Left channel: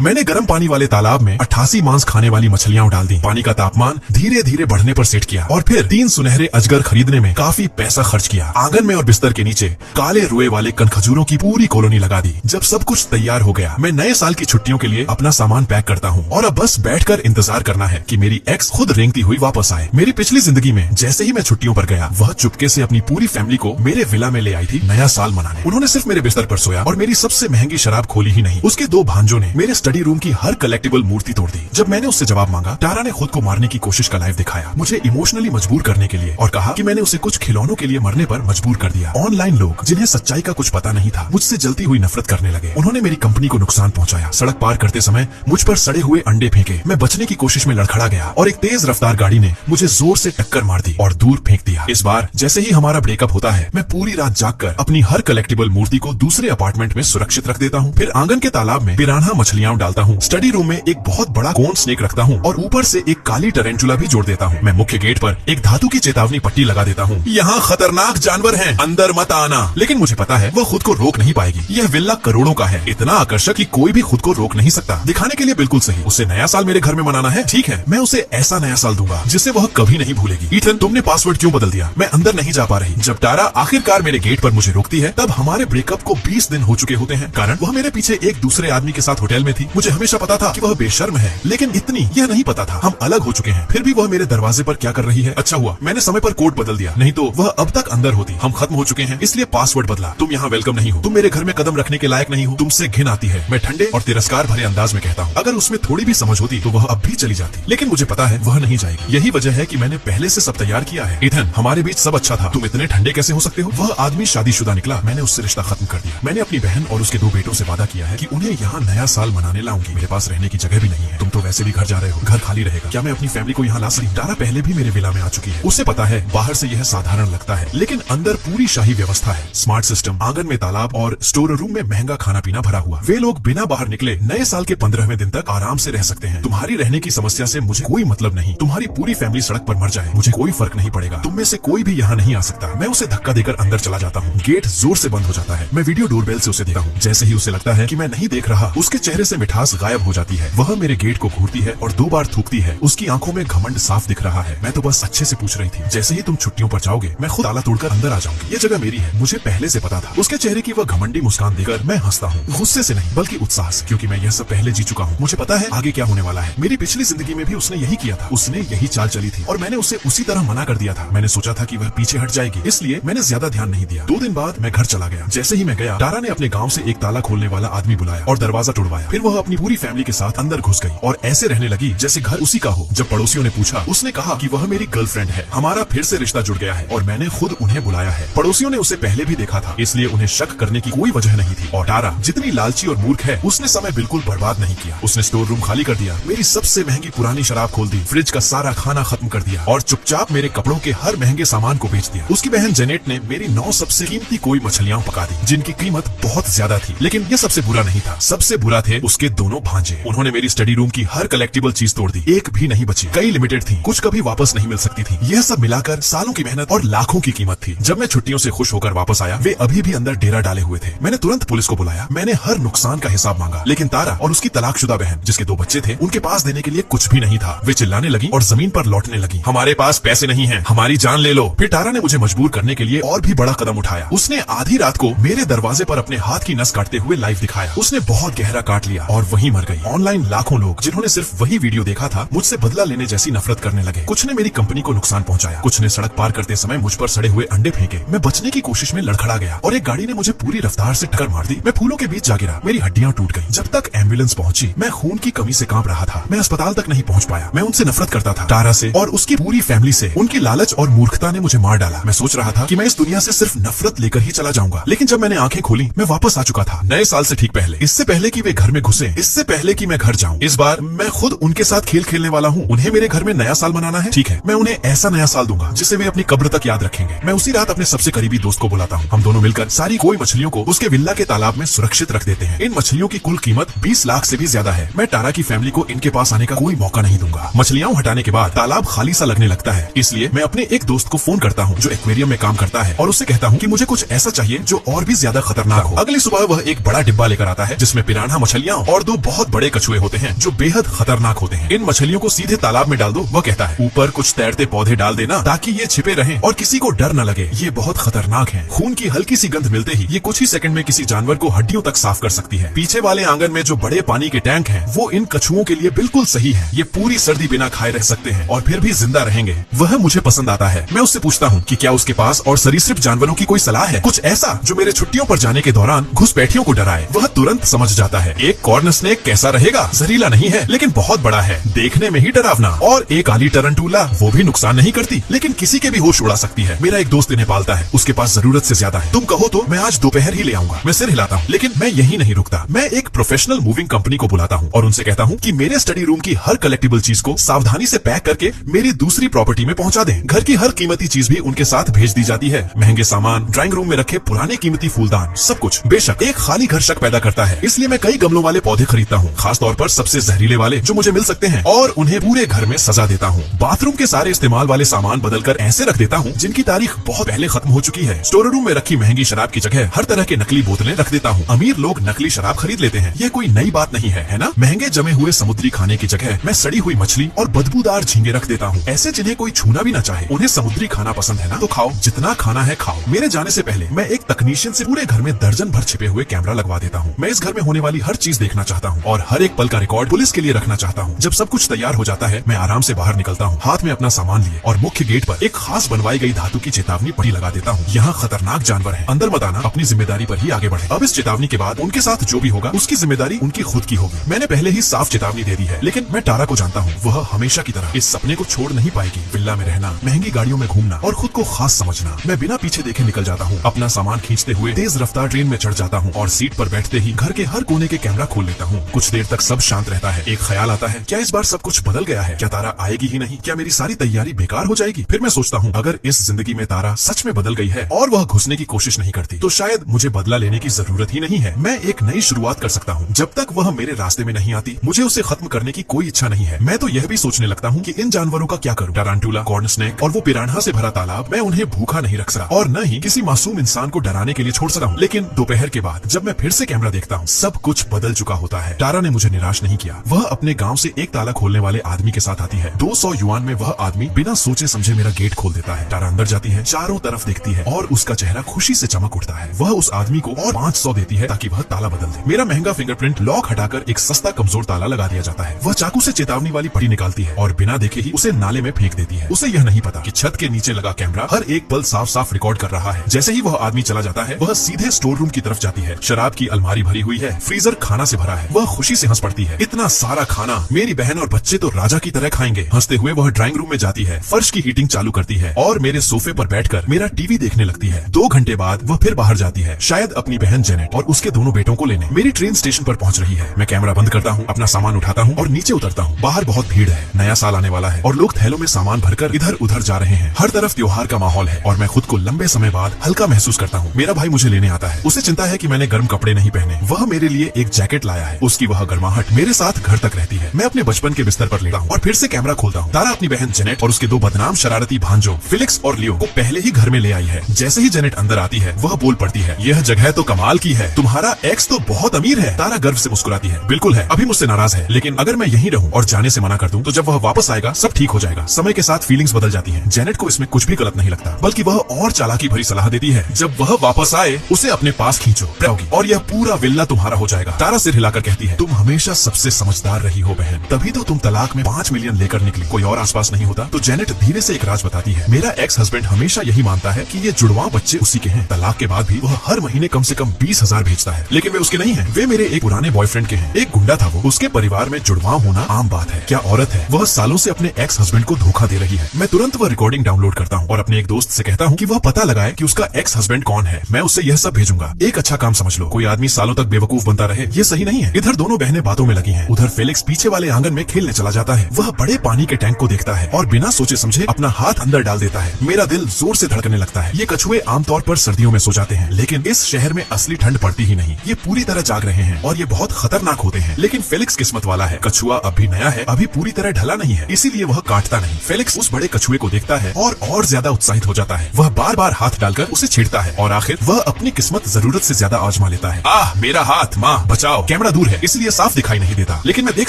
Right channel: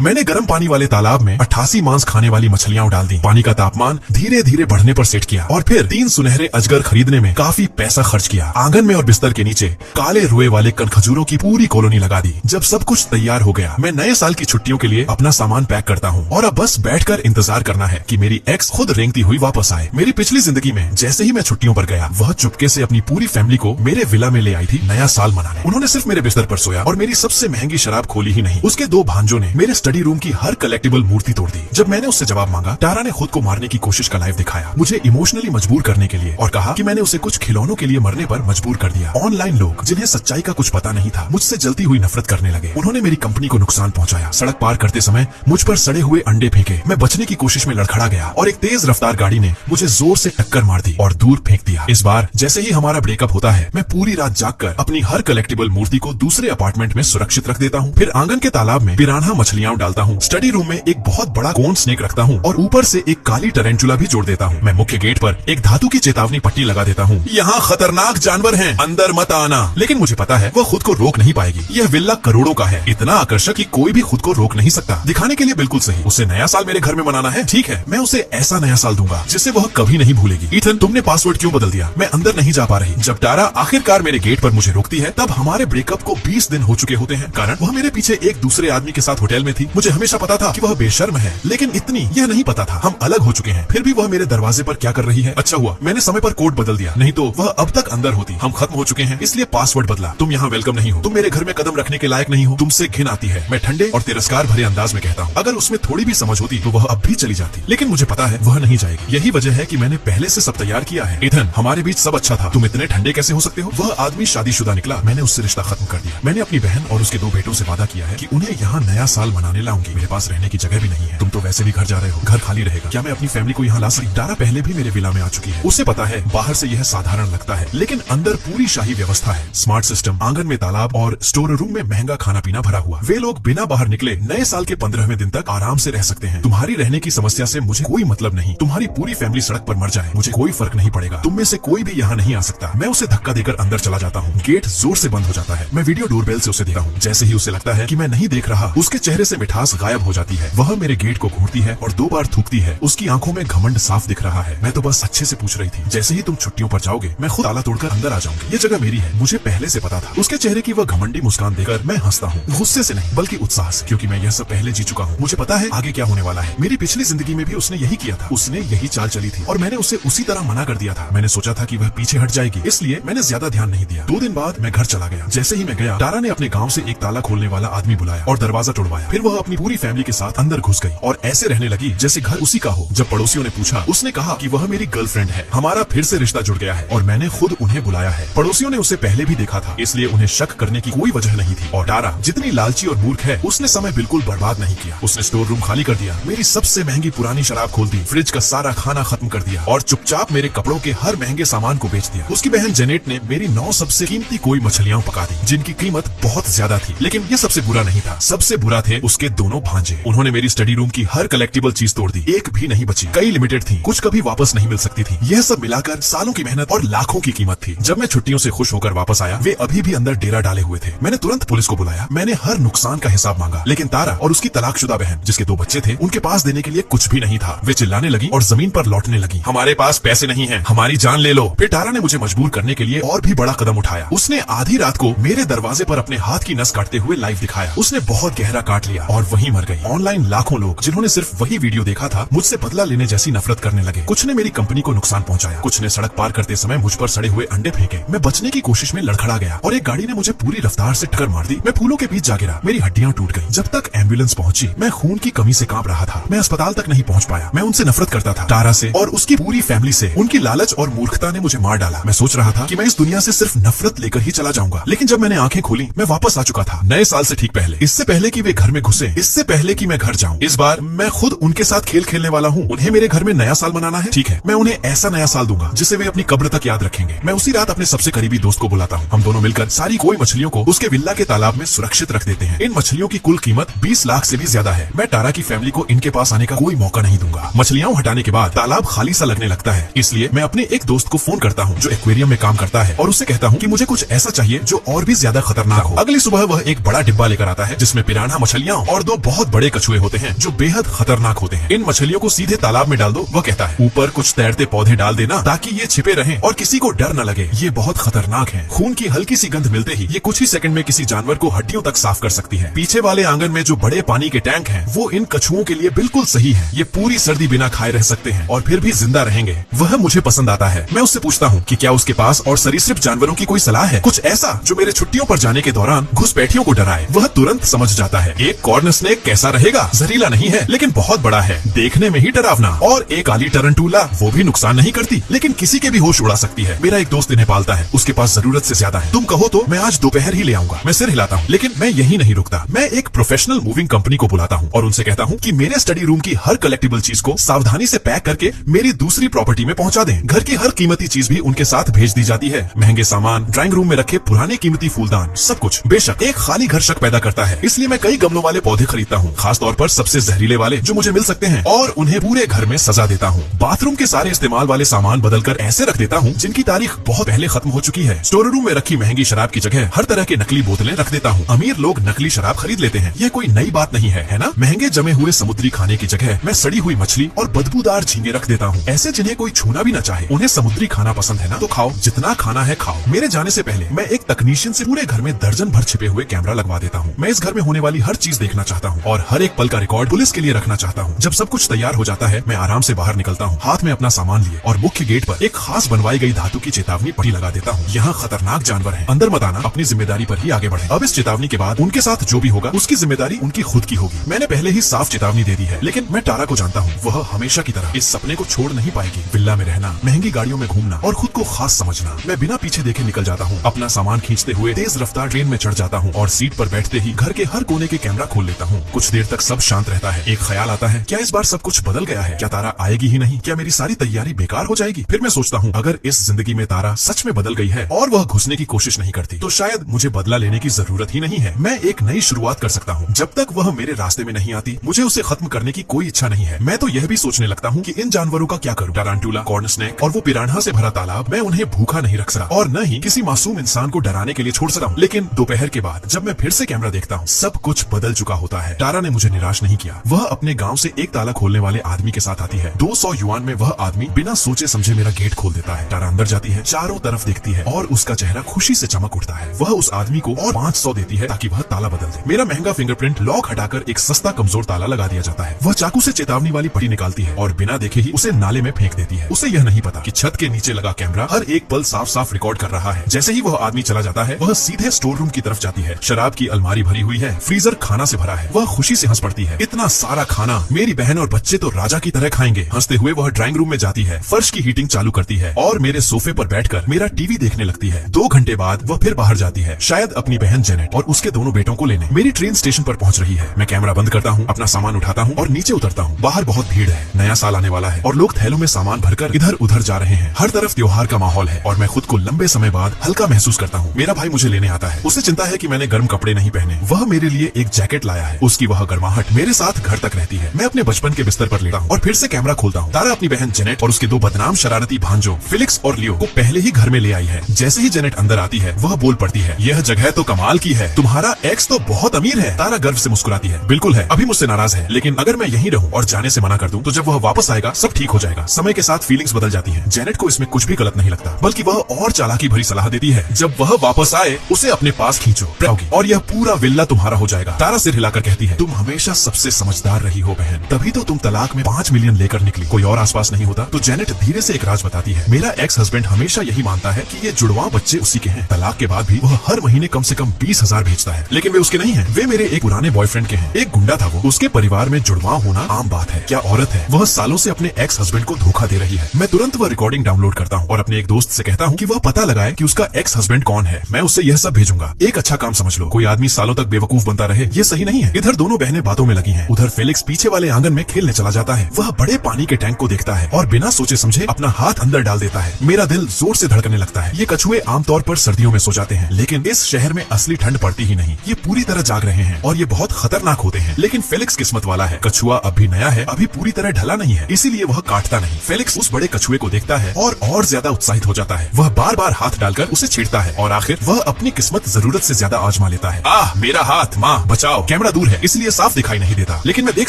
मैंने गर्म पानी वाले तालाब में 88 मांस खाने वाली मछलियां डाल दी। पानी का तापमान धीरे धीरे बढ़ने पर सेट किया और फिर 3 सुनहरे अजगर खरीदने में काफी पैसा खर्च किया। आंगन में और बिस्तर के नीचे काले रुए वाले कनखजूरों की पूरी कॉलोनी लगा दी। जब सब कुछ तैयार हो गया, मैं नए साल की छुट्टियों के लिए अपना सामान पैक करता हूँ और अब बस बैठकर इंतजार करना है कि मेरी एक्स खुद रेंगती हुई वापस आए। मेरी पिछली जिंदगी में जैसे ही मैं छुट्टियों पर गया, वह चुपके से अपनी पूरी फैमिली को मेरे विला में ले आई थी नया साल मनाने। उन्होंने सिर्फ मेरे बिस्तर पर सोया और मेरी सबसे महंगी शराब खोली ही नहीं, उसके 2 भांजों ने मेरे स्टडी रूम की हर कलेक्टिबल मूर्ति तोड़ दी। जब मैंने उससे जवाब मांगा, टारा ने खुद को मारने की कोशिश का लाइव दिखाया, मुझे इमोशनली मजबूर करने के लिए, और कहा कि मैंने उसे कुछ खिलौनों के लिए मरने पर मजबूर कर दिया। ऑनलाइन लोग जिन्हें सच्चाई का कुछ पता नहीं था, मुझसे जलती हुई नफरत करने लगे। उन्होंने मेरी कंपनी को नुकसान पहुंचाया। सड़क पार करते समय मुझ पर सड़े हुए अंडे फेंके। मैं बचने की कोशिश में लड़खड़ा गया और एक तेज रफ्तार गाड़ी ने मुझे जोर से टक्कर मार दी और दूर फेंक दिया। इस बार जैसे ही हमारा ब्रेकअप होता है, मैं पूरी रात जागकर अपनी हर कलेक्टिबल मूर्ति को दूसरे अपार्टमेंट में सुरक्षित रख देता हूँ। फिर आंगन के तालाब में पिरान्हा मछलियां डालता हूँ। स्टडी रूम में एक बहुत बड़ा कोन स्नेक रखता हूँ और ऊपर से एक काली टरेंटुला भी जोड़ देता हूँ। मैं मुख्य गेट पर एक धातु की चेतावनी पट्टी लगा देता हूँ, यहाँ खतरनाक जानवर हैं, अंदर मत आना। लेकिन मुझे पता है वो खुद को रोक नहीं पाएगी। यह विला करोड़ों का है, इतना आकर्षक कि कोई भी खुद को रोक नहीं सकता। दिखाने के लिए बिल्कुल सही, उसे नया साल मेरे घर में मनाना है, ठीक है, मैं उसे ऐसा नया साल दूंगा जिसे वह कभी नहीं भूलेगी। ईथन, तुमने पासवर्ड क्यों बदल दिया? मैं अंदर नहीं जा पा रही। जब टारा आखिरकार मेरे गेट पर मुझे रोकती है, तब हमारे ब्रेकअप को 20 दिन हो चुके होते हैं। कारण वह मेरे पीछे एक दूसरे आदमी के साथ होटल में थी। मुझे हमेशा पता था कि वह बेशर्म है, लेकिन इतनी यह नहीं पता था हम अलग हो चुके हैं। फिर भी वह मेरे दरवाजे पर क्या कर रही है? अच्छा हुआ मैंने समय पर कोड बदल दिया, नहीं तो वह अब तक अंदर होती। हम खत्म हो चुके हैं, इसलिए पासवर्ड बदला। तुम यहाँ वेलकम नहीं हो, तुम मेरे घर में कदम रखने के लायक नहीं हो, तुमसे घिन आती है। मैं ठंडे और तिरस्कार भरे अंदाज में कहता हूँ। अगर उसमें थोड़ी भी समझ होती तो वह अब भी चली जाती, लेकिन मुझे पता है वह नहीं जाएगी। यही वजह है कि मैंने पहले से सब तैयार किया है। एथन, हमारे बीच सब अच्छा था, तुम इतने ठंडे कैसे हो सकते हो? वह आदमी शादीशुदा निकला, मैंने उससे रिश्ता खत्म कर दिया। मैंने अपनी बहन और उसके 2 बेटों से वादा किया है कि उन्हें यहाँ नया साल मनाने लाऊंगी। मेरे पास रहने की जगह भी नहीं है, तुम तो वैसे भी घर जा रहे हो, घर खाली रहेगा। क्या मैं अपनी फैमिली को यहाँ ला सकती? टारा पहले भी मेरे विला में आ चुकी है, उसे पता है बाहर से यह साधारण लगता है, लेकिन अंदर पूरी शाही व्यवस्था है। स्मार्ट सिस्टम, आंगन में तालाब और स्टोर रूम में महंगा खाना पीना भरा हुआ। वे लोग बिना बाहर निकले नए साल के 15वें दिन तक आराम से रह सकते हैं। तुम्हारी रहने की समस्या से मुझे कोई मतलब नहीं। तुम्हारी पूरी फैमिली सड़क पर मर जाए, मुझे कोई फर्क नहीं पड़ेगा। तुम में से कोई भी यहाँ नहीं आ सकता। मैं उसे धक्का देकर अंदर चला जाता हूँ। गेट जोर से बंद हो जाता है। मैं वीडियो डोरबेल से उसे देखता हूँ। जैसे ही उसे लगता है कि मैं नहीं देख रहा, उसके चेहरे से मिठास गायब हो जाती है। वह मेरे गेट को घूरती है और 2 बार थूकती है। उसकी आंखों में घमंड साफ दिख रहा है। मैं तो बस अच्छे से पूछ रही थी, जैसे ही तुम छुट्टियों पर जाओगे, मैं खुद ताला तोड़कर अंदर आ जाऊंगी। ये जगह मेरी है, मुझे पहले से पता था। उसके चेहरे की वह घमंडी मुस्कान देखकर मैं हंसता हूँ, गुस्से से नहीं बल्कि उत्साह से, क्योंकि मैं यह सब पहले जी चुका हूँ। मुझे पता है आगे क्या होने वाला है। मेरी पिछली जिंदगी में भी उसने यही किया था, उसने यही चाल चली थी और मैंने उसे उसी तरह मना कर दिया था। मैंने सोचा था कि वह पीछे हट जाएगी, इसलिए मैंने ज्यादा ध्यान नहीं दिया। 2 दिन बाद मैं घर चला गया। जैसे ही मैं गया, टारा ने अपने गाँव से एक ताला खोलने वाला आदमी बुलाया और दरवाजा तोड़वाया। फिर वह अपनी पूरी फैमिली के साथ अंदर घुस गई और ऐसे रहने लगी जैसे घर उसी का हो। जब पड़ोसियों ने पूछा, उसने कहा कि वह मेरी गर्लफ्रेंड है। हमारा फिर से रिश्ता जुड़ गया है और मैंने खुद उन्हें बुलाया है। पड़ोसियों ने उसे पहले भी देखा था, इसलिए उन्हें शक करने की कोई वजह नहीं थी। और टारा जितनी लालची और मूर्ख है, उसने समय बिल्कुल बर्बाद नहीं किया। उसने स्टोर रूम खाली कर दिया, मेरी सबसे महंगी पुरानी शराब खोल दी, फ्रिज का सारा खाना खत्म कर दिया और चुपचाप मेरे कपड़ों के हर महंगे सामान को बेच दिया। उसकी बहन जेनेट ने मेरी 9 सबसे कीमती कोई मछलियां पका दी, जिनकी कीमत बहुत ज्यादा थी। लेकिन ये सबसे बुरा नहीं था। सबसे बुरा थे उसके 2 भांजे। उन्होंने मेरी स्टडी रूम की हर कलेक्टिबल चीज तोड़ दी, एक भी नहीं बची। कई लिमिटेड थी, कुछ कभी वापस नहीं मिल सकती थी। यह सब मिलाकर सालों की मेहनत और लाखों की कीमत थी। जब मैं छुट्टियों से खुश होकर वापस आया, वे अभी भी अंदर डेरा डाले हुए थे। मैंने तुरंत पुलिस को बुलाया। मैंने हर नुकसान का हिसाब मांगा, लेकिन तारा और उसकी तलाकशुदा बहन, जिसके 2 बच्चे थे, उनके पास देने के लिए कुछ भी नहीं था। वे चिल्लाने लगी और जमीन पर लौटने लगी, हमारे पास पैसे नहीं है, हमारी जान ले लो। फिर टारा ने मुझे मजबूर करने के लिए और भी बड़ा कदम उठाया। उसने आधी रात को मेरे दरवाजे पर अपने हाथ की नस काटते हुए लाइव दिखाया। उसने बहुत गहरा काट लिया और वहीं मर गई। ऑनलाइन लाखों लोग, जिन्होंने सिर्फ वही वीडियो देखा था, मुझसे बदला लेने जैसी नफरत करने लगे। कुछ ने मेरी कंपनी को नुकसान पहुंचाया, कुछ ने सड़क पार करते समय मुझ पर सड़े हुए अंडे फेंके। मैं बचने की कोशिश में लड़खड़ा गया और एक गाड़ी ने मुझे पूरी रफ्तार से टक्कर मार दी। मैं फूलों के बीच जा गिरा, मेरी हड्डियां टूट गई। जब तक एम्बुलेंस पहुंची, मैं खून की कमी से कांप रहा था। मैं अस्पताल तक नहीं पहुंच पाया। मैं उनसे नफरत करता था, टारा से और उसकी पूरी फैमिली से। उनकी लालच और मूर्खता ने मुझे मार डाला। मैं सोच रहा था कि मैं इस दुनिया से सिर्फ नफरत लेकर ही चला जाऊंगा, लेकिन जब मैंने आंखें खोली, मैं वापस आ चुका था, नए साल से ठीक पहले। इससे पहले कि वे घर में घुसे, इससे पहले कि मैं घर जाऊं। इस बार मैं खुद उनके साथ खेल खेलने वाला हूँ। उन्हें मेरे घर में नया साल मनाना है, ठीक है, मैं उन्हें ऐसा नया साल दूंगा जिसे वे अपनी कब्र तक याद रखेंगे। मैं उसी रात अपने सबसे करीबी दोस्त को बुलाता हूँ। हम दोनों मिलकर सारी कोई मछलियों को उसके विला के तालाब में सुरक्षित रख देते हैं। इन मछलियों की कुल कीमत 20 लाख से भी ज्यादा है। मैं टारा की फैमिली को इनके पास आने का कोई मौका नहीं दूंगा। मछलियां हटाने के बाद तालाब खाली सा लगने लगता है, इसलिए मैं अपने एक दोस्त को फोन करता हूँ जो एक्वेरियम में काम करता है और उससे कहता हूँ कि मुझे कुछ ऐसा चाहिए जो और भी ज्यादा खतरनाक हो। अगली सुबह वह एक बड़ा डिब्बा लेकर आता है जिसमें पिरान्हा मछलियां और 2 बहुत बड़े कछुए होते हैं जो बेहद खतरनाक होते हैं। इन मछलियों को सीधे तालाब में डाल दो, वो कहता है ऊपर कुछ तैरते पौधे डाल देना ताकि ये छिपे रहें और किसी को डर न लगे। ये बहुत खतरनाक है। खून की हल्की सी गंध मिलते ही ये कुछ ही सेकंड में किसी जानवर को हड्डियों तक साफ कर सकती है। पीछे वाले आंगन में जो बड़े पानी के टैंक हैं, वो इन कछुओं के लिए बिल्कुल सही है। ये पूरी सर्दी बिना खाए रह सकते हैं और फिर भी जिंदा रहेंगे। वह मुझे पसंद आता है। मैं उससे पूछता हूँ कि क्या उसके पास और सरीसृप जानवरों की कोई सलाह है, कुछ ऐसा जो मेरे छुट्टियों पर जाने के दौरान घुसपैठियों को डराए। वह तुरंत समझ जाता है। एक कॉर्न स्नेक कैसा रहेगा? जहरीला नहीं है लेकिन बहुत बड़ा है, देखने में ही डरावना। और एक काली टरंटूला, वो भी नुकसान नहीं करती लेकिन किसी के भी होश उड़ा सकती है। मेरा एक दोस्त इन्हें पालता है, उसके पास जरूरत से ज्यादा है। तुम कहो तो मैं आज दोपहर ही ले आऊंगा। मैं सिर हिलाता हूँ लेकिन मैं यही नहीं रुकता। मैं एक प्रोफेशनल मूविंग कंपनी को बुलाता हूँ और उनसे कहता हूँ कि मेरे स्टडी रूम की हर कलेक्टिबल चीज को सावधानी से पैक करके मेरी दूसरी प्रॉपर्टी में पहुंचा दें। घर की हर कीमती चीज भी उनके साथ भेज दी जाती है। महंगे सामान, ड्राइंग रूम में रखे पुराने कीमती फूलदान, सब कुछ। बेशक एक खाली घर शक पैदा करता है, इसलिए मैं कई गमलों वाले पौधे खरीदता हूँ, खास तौर पर सबसे जहरीले वाले जो मुझे मिल सकते हैं, और उन्हें पूरे घर में सजा देता हूँ। बाथरूम के सारे इस्तेमाल वाले सामान बदलकर ऐसे रख देता हूँ जिनकी तारीख बहुत पहले खत्म हो चुकी है। स्टोर रूम में रखी महंगी शराब की जगह हर तरह के नकली बोतलें रख देता हूँ। अमीर लोग नकली शराब खरीद लेते हैं, ये कोई नई बात नहीं है ना? महंगे जमे हुए समुद्री खाने की जगह मैं सड़ी हुई मछली और बदबूदार झींगे रख देता हूँ, ऐसे जिन्हें कोई छूना भी न चाहे। उन्हें समुद्री खाना पसंद है ना, तो खाओ, जितना खाना है खाओ। मेरे जाने से पहले मैं एक तकनीशियन से पूरे घर में दर्जन भर छिपे हुए कैमरा लगवा देता हूँ। मैं इस घर में होने वाली हर चीज देखना चाहता हूँ और हर एक पल का रिकॉर्ड पुलिस के लिए रखना चाहता हूँ। जब सब कुछ तैयार हो जाता है, मैं आराम से बाहर निकलता हूँ, हाथ में अपना सामान लिए, और मुख्य गेट पर एक खास बनवाई गई धातु की चेतावनी पट्टी लगा देता हूँ। यहाँ खतरनाक जानवर है, अंदर मत आना, अपनी जिम्मेदारी पर ही आगे बढ़े। अब इस चेतावनी के बाद उनके साथ जो भी होगा उसकी जिम्मेदारी उनकी खुद की होगी। मैंने पहले ही साफ चेतावनी दे दी है, लेकिन मैं टारा को जानता हूँ, वह हमेशा की तरह इस सपने को छोड़ नहीं पाएगी। विला में रहना, महंगी गाड़ियों में घूमना और खुद को खास समझना। मैं बिना पीछे देखे निकल जाता हूँ, अपना सामान खींचते हुए तेज रफ्तार ट्रेन में चढ़ जाता हूँ और सीट पर बैठते ही घर के हर कोने के कैमरा खोल लेता हूँ। कुछ देर तक सब शांत रहता है। एक ख्याल आता है, क्या इस बार सब कुछ बदल गया है? क्या तारा आएगी ही नहीं? क्या मेरी सारी तैयारी बेकार हो जाएगी? फिर मैं सोचता हूँ, अगर इस जिंदगी में तारा सच में बदल गई है और वह घुसने की कोशिश नहीं करती, तो शायद मुझे बदला लेने की जरूरत ही नहीं है। मैं एक नई शुरुआत कर सकता हूँ। जब तक वह मेरे रास्ते में नहीं आती, मुझे उसे खत्म करने की कोई इच्छा नहीं है। मैं तो यह भी सोचने लगता हूँ कि इन जानवरों का क्या करूँ। टारंटुला, कॉर्न स्नेक और वो पिरान्हा से भरा तालाब, मैं उन्हें भूखा नहीं रख सकता और न ही किसी मासूम इंसान को डराने के लिए छोड़ सकता हूँ। लेकिन दोपहर के बाद जब मैं फिर से कैमरा देखता हूँ, सब कुछ बदल चुका होता है। तारा ने मुझे निराश नहीं किया। वह अपने गाँव से एक ताला खोलने वाले आदमी के साथ आती है। 200 युआन में वह आदमी बिना सोचे समझे मेरा गेट खोल देता है। तारा अंदर जाती है, चारों तरफ देखती है और उसका चेहरा खुशी से चमक उठता है। वह उस आदमी को और 500 देती है ताकि वह ताला बदल दे। मेरा महंगा फिंगरप्रिंट लॉक हटाकर एक सस्ता कमजोर ताला लगा दिया जाता है। वह चाकू से चेतावनी वाली पट्टी निकालती है और बिना देखे ही उसे नाले में फेंक देती है। उसे यह नहीं पता कि छत के नीचे लगा कैमरा हर एक पल साफ साफ रिकॉर्ड कर रहा है। जैसे ही वह आदमी चला जाता है, वह सीधे स्टोर रूम की तरफ जाती है। शराब की अलमारी भरी हुई है, फ्रीजर खाना से भरा है। वह खुशी से हंस पड़ती है। इतना सारा खाना, मेरी बहन और बच्चे तो राजा की तरह खाएंगे। हंसते हुए वह ड्राइंग रूम में जाती है, फर्श की हीटिंग चालू करती है और मेरे सोफे पर बैठकर मेरा टीवी देखने लगती है। 2 घंटे बाद वह फिर बाहर जाती है, शायद अपनी बहन जेनेट और उसके दोनों बेटों को लेने। मेरी ट्रेन स्टेशन पर पहुंच रही है। मैं कैमरा बंद करता हूँ, अपना सामान उठाता हूँ और नीचे उतरता हूँ। बाहर बहुत भीड़ है, नया साल आने वाला है और लोग थैलों में सामान भरकर इधर उधर जा रहे हैं। हर तरफ त्योहार का माहौल है और मैं खुद को लंबे समय बाद हल्का महसूस करता हूँ। मेरा भाई मुझे लेने आता है। उसे चिंता है कि मैंने गर्म कपड़े नहीं पहने। वह मेरे लिए एक जैकेट लाया है। उसकी वह गर्माहट मेरे साथ घर तक रहती है। मैं अपने बचपन के बिस्तर पर लेटा हूँ और फिर से कैमरा खोलता हूँ। तारा अपनी बहन जेनेट और उसके 2 बदनाम शरारती भांजों फिलिक्स और लियो को पहले ही घर में ले आई है। जैसे ही जेनेट अंदर आती है, वह बोल पड़ती है, यह जगह तो कमाल की है, तुम्हारा एक्स तो बहुत अमीर है। तारा गर्व से मुस्कुराती है, बिल्कुल है, अभी मुझसे नाराज है, लेकिन अगर मैं यहीं रहूं और जाने से मना कर दूं, तो जब वह वापस आएगा सब ठीक हो जाएगा। समय के साथ फीलिंग्स बदल जाती हैं। जेनेट को इसमें कुछ भी गलत नहीं लगता, बल्कि वह और चालाकी भरी सलाह देती है, जब वह वापस आए उसे अपने पास खींचो और यह पूरा विल्ला तुम्हारा हो जाएगा। तारा सिर हिलाकर कहती है, तुम हमेशा सबसे समझदार रही हो बहन, तभी तो तुम तलाक में 5 मिलियन लेकर निकली। कोई और आसपास नहीं होता। तो जेनेट धीरे से एक राज बताती है, मेरा एक्स हस्बैंड हमेशा यही मानता है कि ये जुड़वा बच्चे उसी के हैं। तलाक के बाद भी वह हर महीने कम से कम 20,000 भेजता है, लेकिन वे उसके नहीं है, वे मेरे एक पुराने बॉयफ्रेंड के हैं। एक गुंडा था वो, उसके परिवार में जुड़वा होना आम बात है। क्या औरत है, वह सालों से अपने एक्स हस्बैंड को धोखा दे रही है। मैं तुरंत वह रिकॉर्डिंग डाउनलोड करता हूँ और अपने एक दोस्त से कहता हूँ कि वह पता लगाए कि उसका एक्स हस्बैंड कौन है। मैं उससे यह सब भेजूंगा। एक अच्छा काम समझ लो, कोई आदमी सालों तक बेवकूफ बनता रहे, ये सही नहीं है। इधर दोनों बहनें बातों में लगी हैं। उधर फेलिक्स पीछे वाले आंगन में खेलने चला जाता है। वह बड़े पानी के टैंक को देखता है और बिना सोचे समझे अपना हाथ अंदर डाल देता है। मेरा दिल जोर से धड़कने लगता है। ये कछुए आमतौर पर सर्दियों में सो जाते हैं, लेकिन इस शहर में असली ठंड पड़ती ही नहीं। ये पूरी तरह जाग रहे हैं और ये बहुत खतरनाक होते हैं। लेकिन फेलिक्स किस्मत वाला है, कछुआ अभी नया है, अभी पूरी तरह ढला नहीं है, इसीलिए वह काटता नहीं। फेलिक्स उस बड़े कछुए को देखता है और ज्यादा उत्साहित हो जाता है। वह बार बार हाथ डालकर उसे छेड़ता है और आखिर वह अपनी किस्मत जरूरत से ज्यादा आजमा लेता है। आह, मेरा हाथ, माँ बचाओ। कैमरा दूर है इसलिए साफ दिखाई नहीं देता, लेकिन मैं देख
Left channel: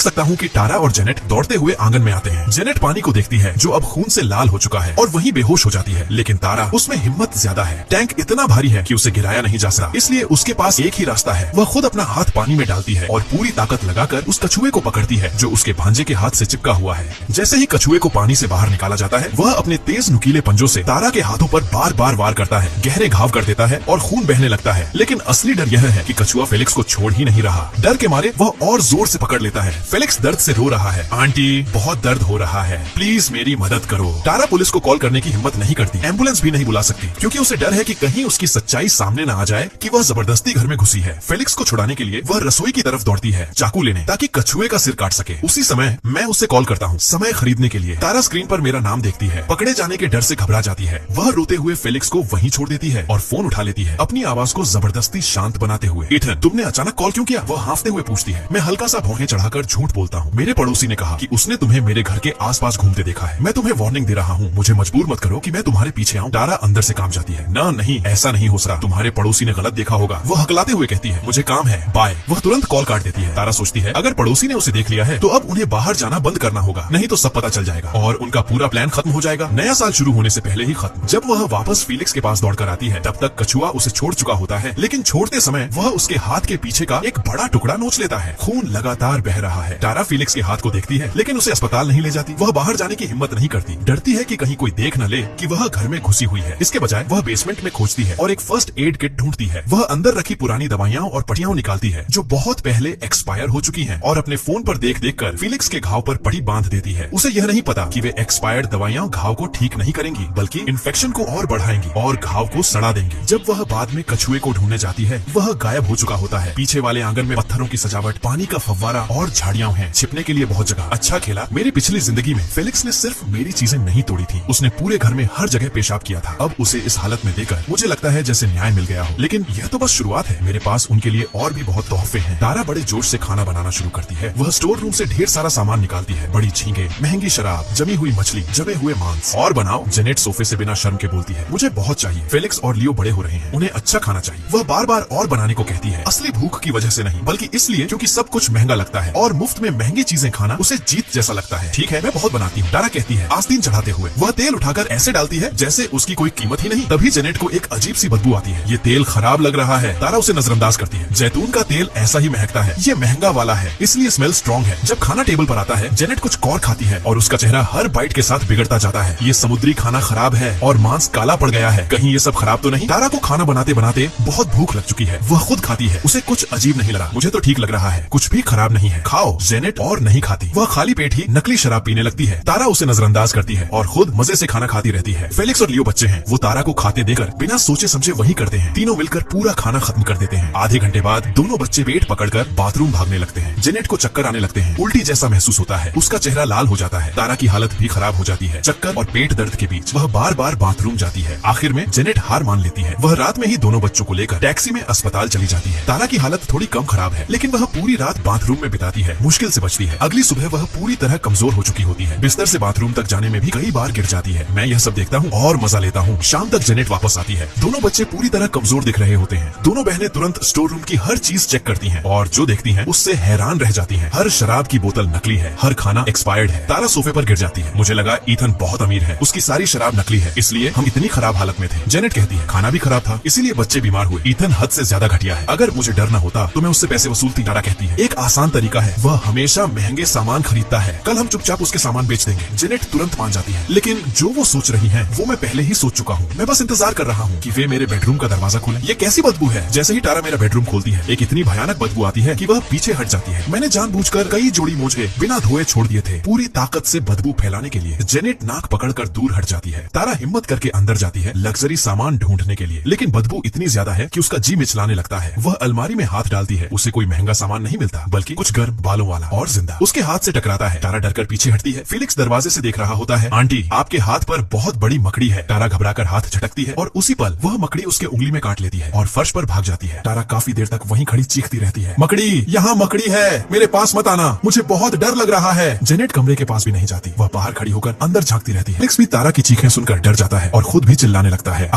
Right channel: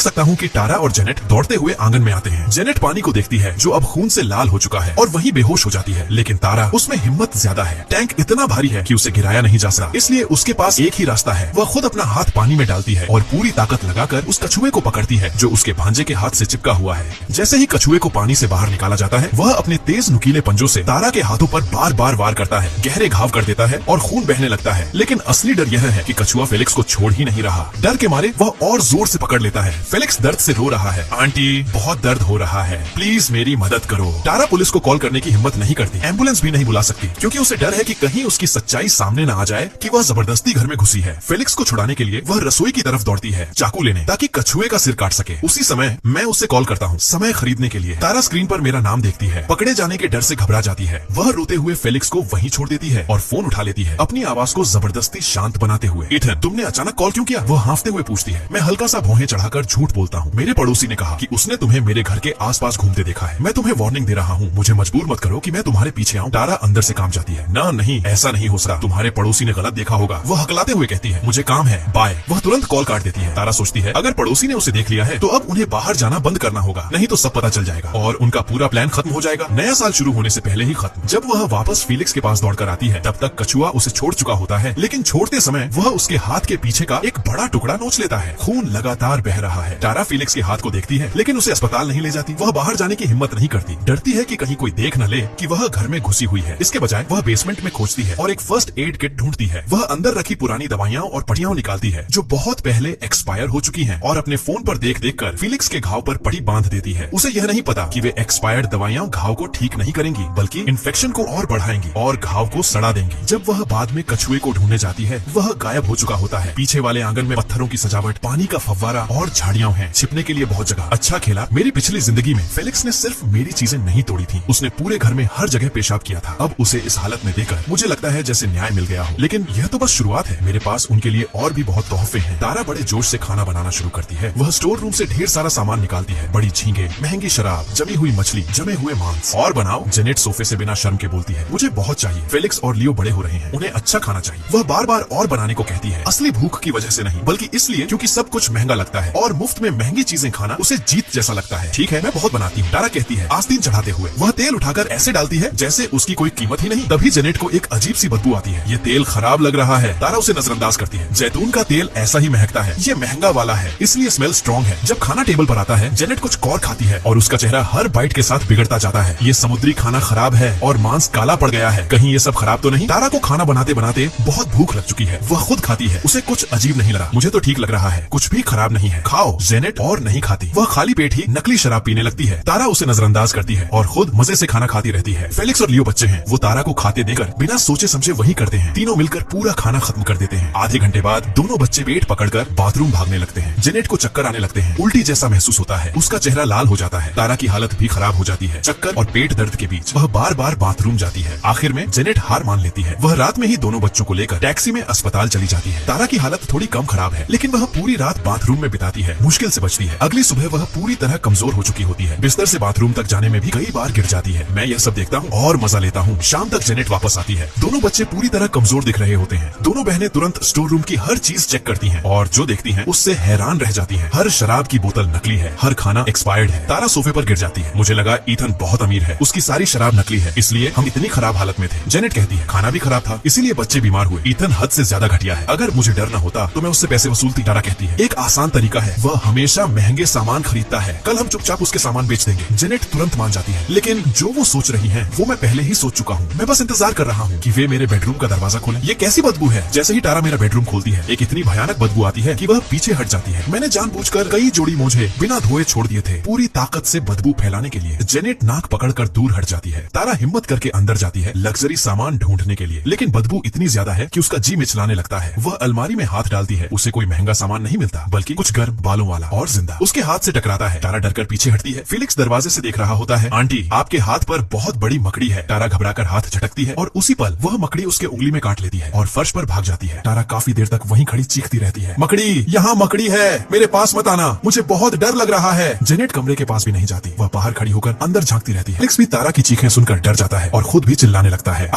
सकता हूँ कि तारा और जेनेट दौड़ते हुए आंगन में आते हैं। जेनेट पानी को देखती है जो अब खून से लाल हो चुका है और वहीं बेहोश हो जाती है, लेकिन तारा उसमें हिम्मत ज्यादा है। टैंक इतना भारी है कि उसे गिराया नहीं जा सकता, इसलिए उसके पास एक ही रास्ता है। वह खुद अपना हाथ पानी में डालती है और पूरी ताकत लगाकर उस कछुए को पकड़ती है जो उसके भांजे के हाथ से चिपका हुआ है। जैसे ही कछुए को पानी से बाहर निकाला जाता है, वह अपने तेज नुकीले पंजों से तारा के हाथों पर बार बार वार करता है, गहरे घाव कर देता है और खून बहने लगता है। लेकिन असली डर यह है कि कछुआ फेलिक्स को छोड़ ही नहीं रहा। डर के मारे वह और जोर से पकड़ लेता है। फेलिक्स दर्द से रो रहा है। आंटी, बहुत दर्द हो रहा है, प्लीज मेरी मदद करो। तारा पुलिस को कॉल करने की हिम्मत नहीं करती, एम्बुलेंस भी नहीं बुला सकती, क्योंकि उसे डर है कि कहीं उसकी सच्चाई सामने न आ जाए कि वह जबरदस्ती घर में घुसी है। फेलिक्स को छुड़ाने के लिए वह रसोई की तरफ दौड़ती है चाकू लेने, ताकि कछुए का सिर काट सके। उसी समय मैं उसे कॉल करता हूँ समय खरीदने के लिए। तारा स्क्रीन पर मेरा नाम देखती है, पकड़े जाने के डर से घबरा जाती है। वह रोते हुए फेलिक्स को वहीं छोड़ देती है और फोन उठा लेती है, अपनी आवाज को जबरदस्ती शांत बनाते हुए। इथन, तुमने अचानक कॉल क्यों किया? वह हांफते हुए पूछती है। मैं हल्का सा भौहें चढ़ाकर झूठ बोलता हूँ। मेरे पड़ोसी ने कहा कि उसने तुम्हें मेरे घर के आसपास घूमते देखा है। मैं तुम्हें वार्निंग दे रहा हूँ, मुझे मजबूर मत करो कि मैं तुम्हारे पीछे आऊँ। तारा अंदर से काम जाती है। ना नहीं, ऐसा नहीं हो सकता, तुम्हारे पड़ोसी ने गलत देखा होगा। वह हकलाते हुए कहती है, मुझे काम है, बाय। वह तुरंत कॉल काट देती है। तारा सोचती है अगर पड़ोसी ने उसे देख लिया है तो अब उन्हें बाहर जाना बंद करना होगा, नहीं तो सब पता चल जाएगा और उनका पूरा प्लान खत्म हो जाएगा। नया साल शुरू होने से पहले ही खत्म। जब वह वापस फेलिक्स के पास दौड़कर आती है, तब तक कछुआ उसे छोड़ चुका होता है, लेकिन छोड़ते समय वह उसके हाथ के पीछे का एक बड़ा टुकड़ा नोच लेता है। खून लगातार बह रहा है। तारा फेलिक्स के हाथ को देखती है, लेकिन उसे अस्पताल नहीं ले जाती। वह बाहर जाने की हिम्मत नहीं करती, डरती है कि कहीं कोई देख न ले कि वह घर में घुसी हुई है। इसके बजाय वह बेसमेंट में खोजती है और एक फर्स्ट एड किट ढूंढती है। वह अंदर रखी पुरानी दवाइयां और पट्टियां निकालती है जो बहुत पहले एक्सपायर हो चुकी हैं, और अपने फोन पर देख देख कर फेलिक्स के घाव पर पट्टी बांध देती है। उसे यह नहीं पता कि वे एक्सपायर्ड दवाइयां घाव को ठीक नहीं करेंगी, बल्कि इन्फेक्शन को और बढ़ाएंगी और घाव को सड़ा देंगी। जब वह बाद में कछुए को ढूंढने जाती है, वह गायब हो चुका होता है। पीछे वाले आंगन में पत्थरों की सजावट, पानी का फव्वारा और झाड़ियां हैं, छिपने के लिए बहुत जगह। अच्छा खेला, मेरी पिछली जिंदगी में फेलिक्स ने सिर्फ मेरी चीजें नहीं तोड़ी थी, उसने पूरे घर में हर जगह पेशाब किया था। अब उसे इस हालत में देखकर मुझे लगता है जैसे न्याय मिल गया हो, लेकिन यह तो बस शुरुआत है। मेरे पास उनके लिए और भी बहुत तोहफे हैं। तारा बड़े जोश से खाना बनाना शुरू करती है। वह स्टोर रूम से ढेर सारा सामान निकालती है, बड़ी झींगे, महंगी शराब, जमी हुई मछली, जमे हुए मांस। और बनाओ। जेनेट सोफे से बिना शर्म के बोलती है, मुझे बहुत चाहिए। फेलिक्स और लियो बड़े हो रहे हैं, उन्हें अच्छा खाना चाहिए। वह बार बार और बनाने को कहती है, असली भूख की वजह से नहीं, बल्कि इसलिए क्योंकि सब कुछ महंगा लगता है और मुफ्त में महंगी चीजें खाना उसे जीत जैसा लगता है। ठीक है, मैं बहुत बनाती हूँ, तारा कहती है आस्तीन चढ़ाते हुए। वह तेल उठाकर ऐसे डालती है जैसे उसकी कोई कीमत ही नहीं। तभी जेनेट को एक अजीब सी बदबू आती है। ये तेल खराब लग रहा है। तारा उसे नजरअंदाज करती है। जैतून का तेल ऐसा ही महकता है, ये महंगा वाला है, इसलिए स्मेल स्ट्रॉन्ग है। जब खाना टेबल पर आता है, जेनेट कुछ और खाती है और उसका चेहरा हर बाइट के साथ बिगड़ता जाता है। ये समुद्री खाना खराब है और मांस काला पड़ गया है, कहीं ये सब खराब तो नहीं। तारा को खाना बनाते बनाते बहुत भूख लग चुकी है। वह खुद खाती है, उसे कुछ अजीब नहीं लगा। मुझे तो ठीक लग रहा है, कुछ भी खराब नहीं है, खाओ। जेनेट और नहीं खाती, वह खाली पेट ही नकली शराब पीने लगती है। तारा उसे नजरअंदाज करती है और खुद मजे से खाना खाती रहती है। फेलिक्स और लियो बच्चे हैं, वो तारा को खाते देकर बिना सोचे समझे वही करते हैं। तीनों मिलकर पूरा खाना खत्म कर देते हैं। आधे घंटे बाद दोनों बच्चे पेट पकड़कर बाथरूम भागने लगते हैं। जेनेट को चक्कर आने लगते हैं, उल्टी जैसा महसूस होता है, उसका चेहरा लाल हो जाता है। तारा की हालत भी खराब हो जाती है। चक्कर और पेट दर्द के बीच वह बार बार बाथरूम जाती है। आखिर में जेनेट हार मान लेती है। वह रात में ही दोनों बच्चों को लेकर टैक्सी में अस्पताल चली जाती है। तारा की हालत थोड़ी कम खराब है, लेकिन वह पूरी रात बाथरूम में बिताती है, मुश्किल से बचती है। अगली सुबह वह पूरी तरह कमजोर हो चुकी होती है, बिस्तर से बाथरूम तक जाने में भी कई बार गिर जाती है। मैं यह सब देखता हूँ और मजा लेता हूँ। शाम तक जेनेट वापस आती है। दोनों बच्चे पूरी तरह कमजोर दिख रहे होते हैं। दोनों बहनें तुरंत स्टोर रूम की हर चीज चेक करती हैं और जो देखती हैं उससे हैरान रह जाती हैं। हर शराब की बोतल नकली है, हर खाना एक्सपायर्ड है। तारा सोफे पर गिर जाती है। मुझे लगा ईथन बहुत अमीर है, उसकी सारी शराब नकली है, इसलिए हम इतनी खराब हालत में थे। जेनेट कहती है खाना भी खराब था, इसीलिए बच्चे बीमार हुए। ईथन हद से ज्यादा घटिया है, अगर मुझे डर न होता तो मैं उससे पैसे वसूलती। तारा कहती है एक आसान तरीका है, वह हमेशा महंगे सामान खरीदता है, कल हम चुपचाप उसके सामान बेच देंगे। जेनेट तुरंत मान जाती है, लेकिन जो वो सोच रही है वो मैं पहले ही सोच चुका हूँ। मैं बस इंतजार कर रहा हूँ कि वे मेरे बेडरूम का दरवाजा खोले। ये कैसी बदबू है? जैसे ही तारा मेरा बेडरूम खोलती है, एक इतनी भयानक बदबू आती है कि वह पीछे हट जाती है। मैंने जानबूझकर कई जोड़ी मोजे बिना धोए छोड़ दिए थे, पूरी ताकत से बदबू फैलाने के लिए। जेनेट नाक पकड़कर दूर हट जाती है। तारा हिम्मत करके अंदर जाती है लग्जरी सामान ढूंढने के लिए, लेकिन बदबू इतनी ज्यादा है कि उसका जी मिचलाने लगता है। वह अलमारी में हाथ डालती है, उसे कोई महंगा सामान नहीं मिलता, बल्कि कुछ गर्म बालों वाला और जिंदा। उसके हाथ से टकराता है। तारा डरकर पीछे हटती है। फेलिक्स दरवाजे से देख रहा होता है। आंटी, आपके हाथ पर बहुत बड़ी मकड़ी है। तारा घबराकर हाथ झटकती है और उसी पल वह मकड़ी उसके उंगली में काट लेती है और फर्श पर भाग जाती है। तारा काफी देर तक वहीं खड़ी चीखती रहती है, मकड़ी, यहाँ मकड़ी है, मेरे पास मत आना, मुझे बहुत डर लग रहा है। जेनेट कमरे के पास भी नहीं जाती, वह बाहर खड़ी होकर अंदर झांकती रहती है। फेलिक्स भी तारा की चीखें सुनकर डर जाता है और खुद भी चिल्लाने लगता है,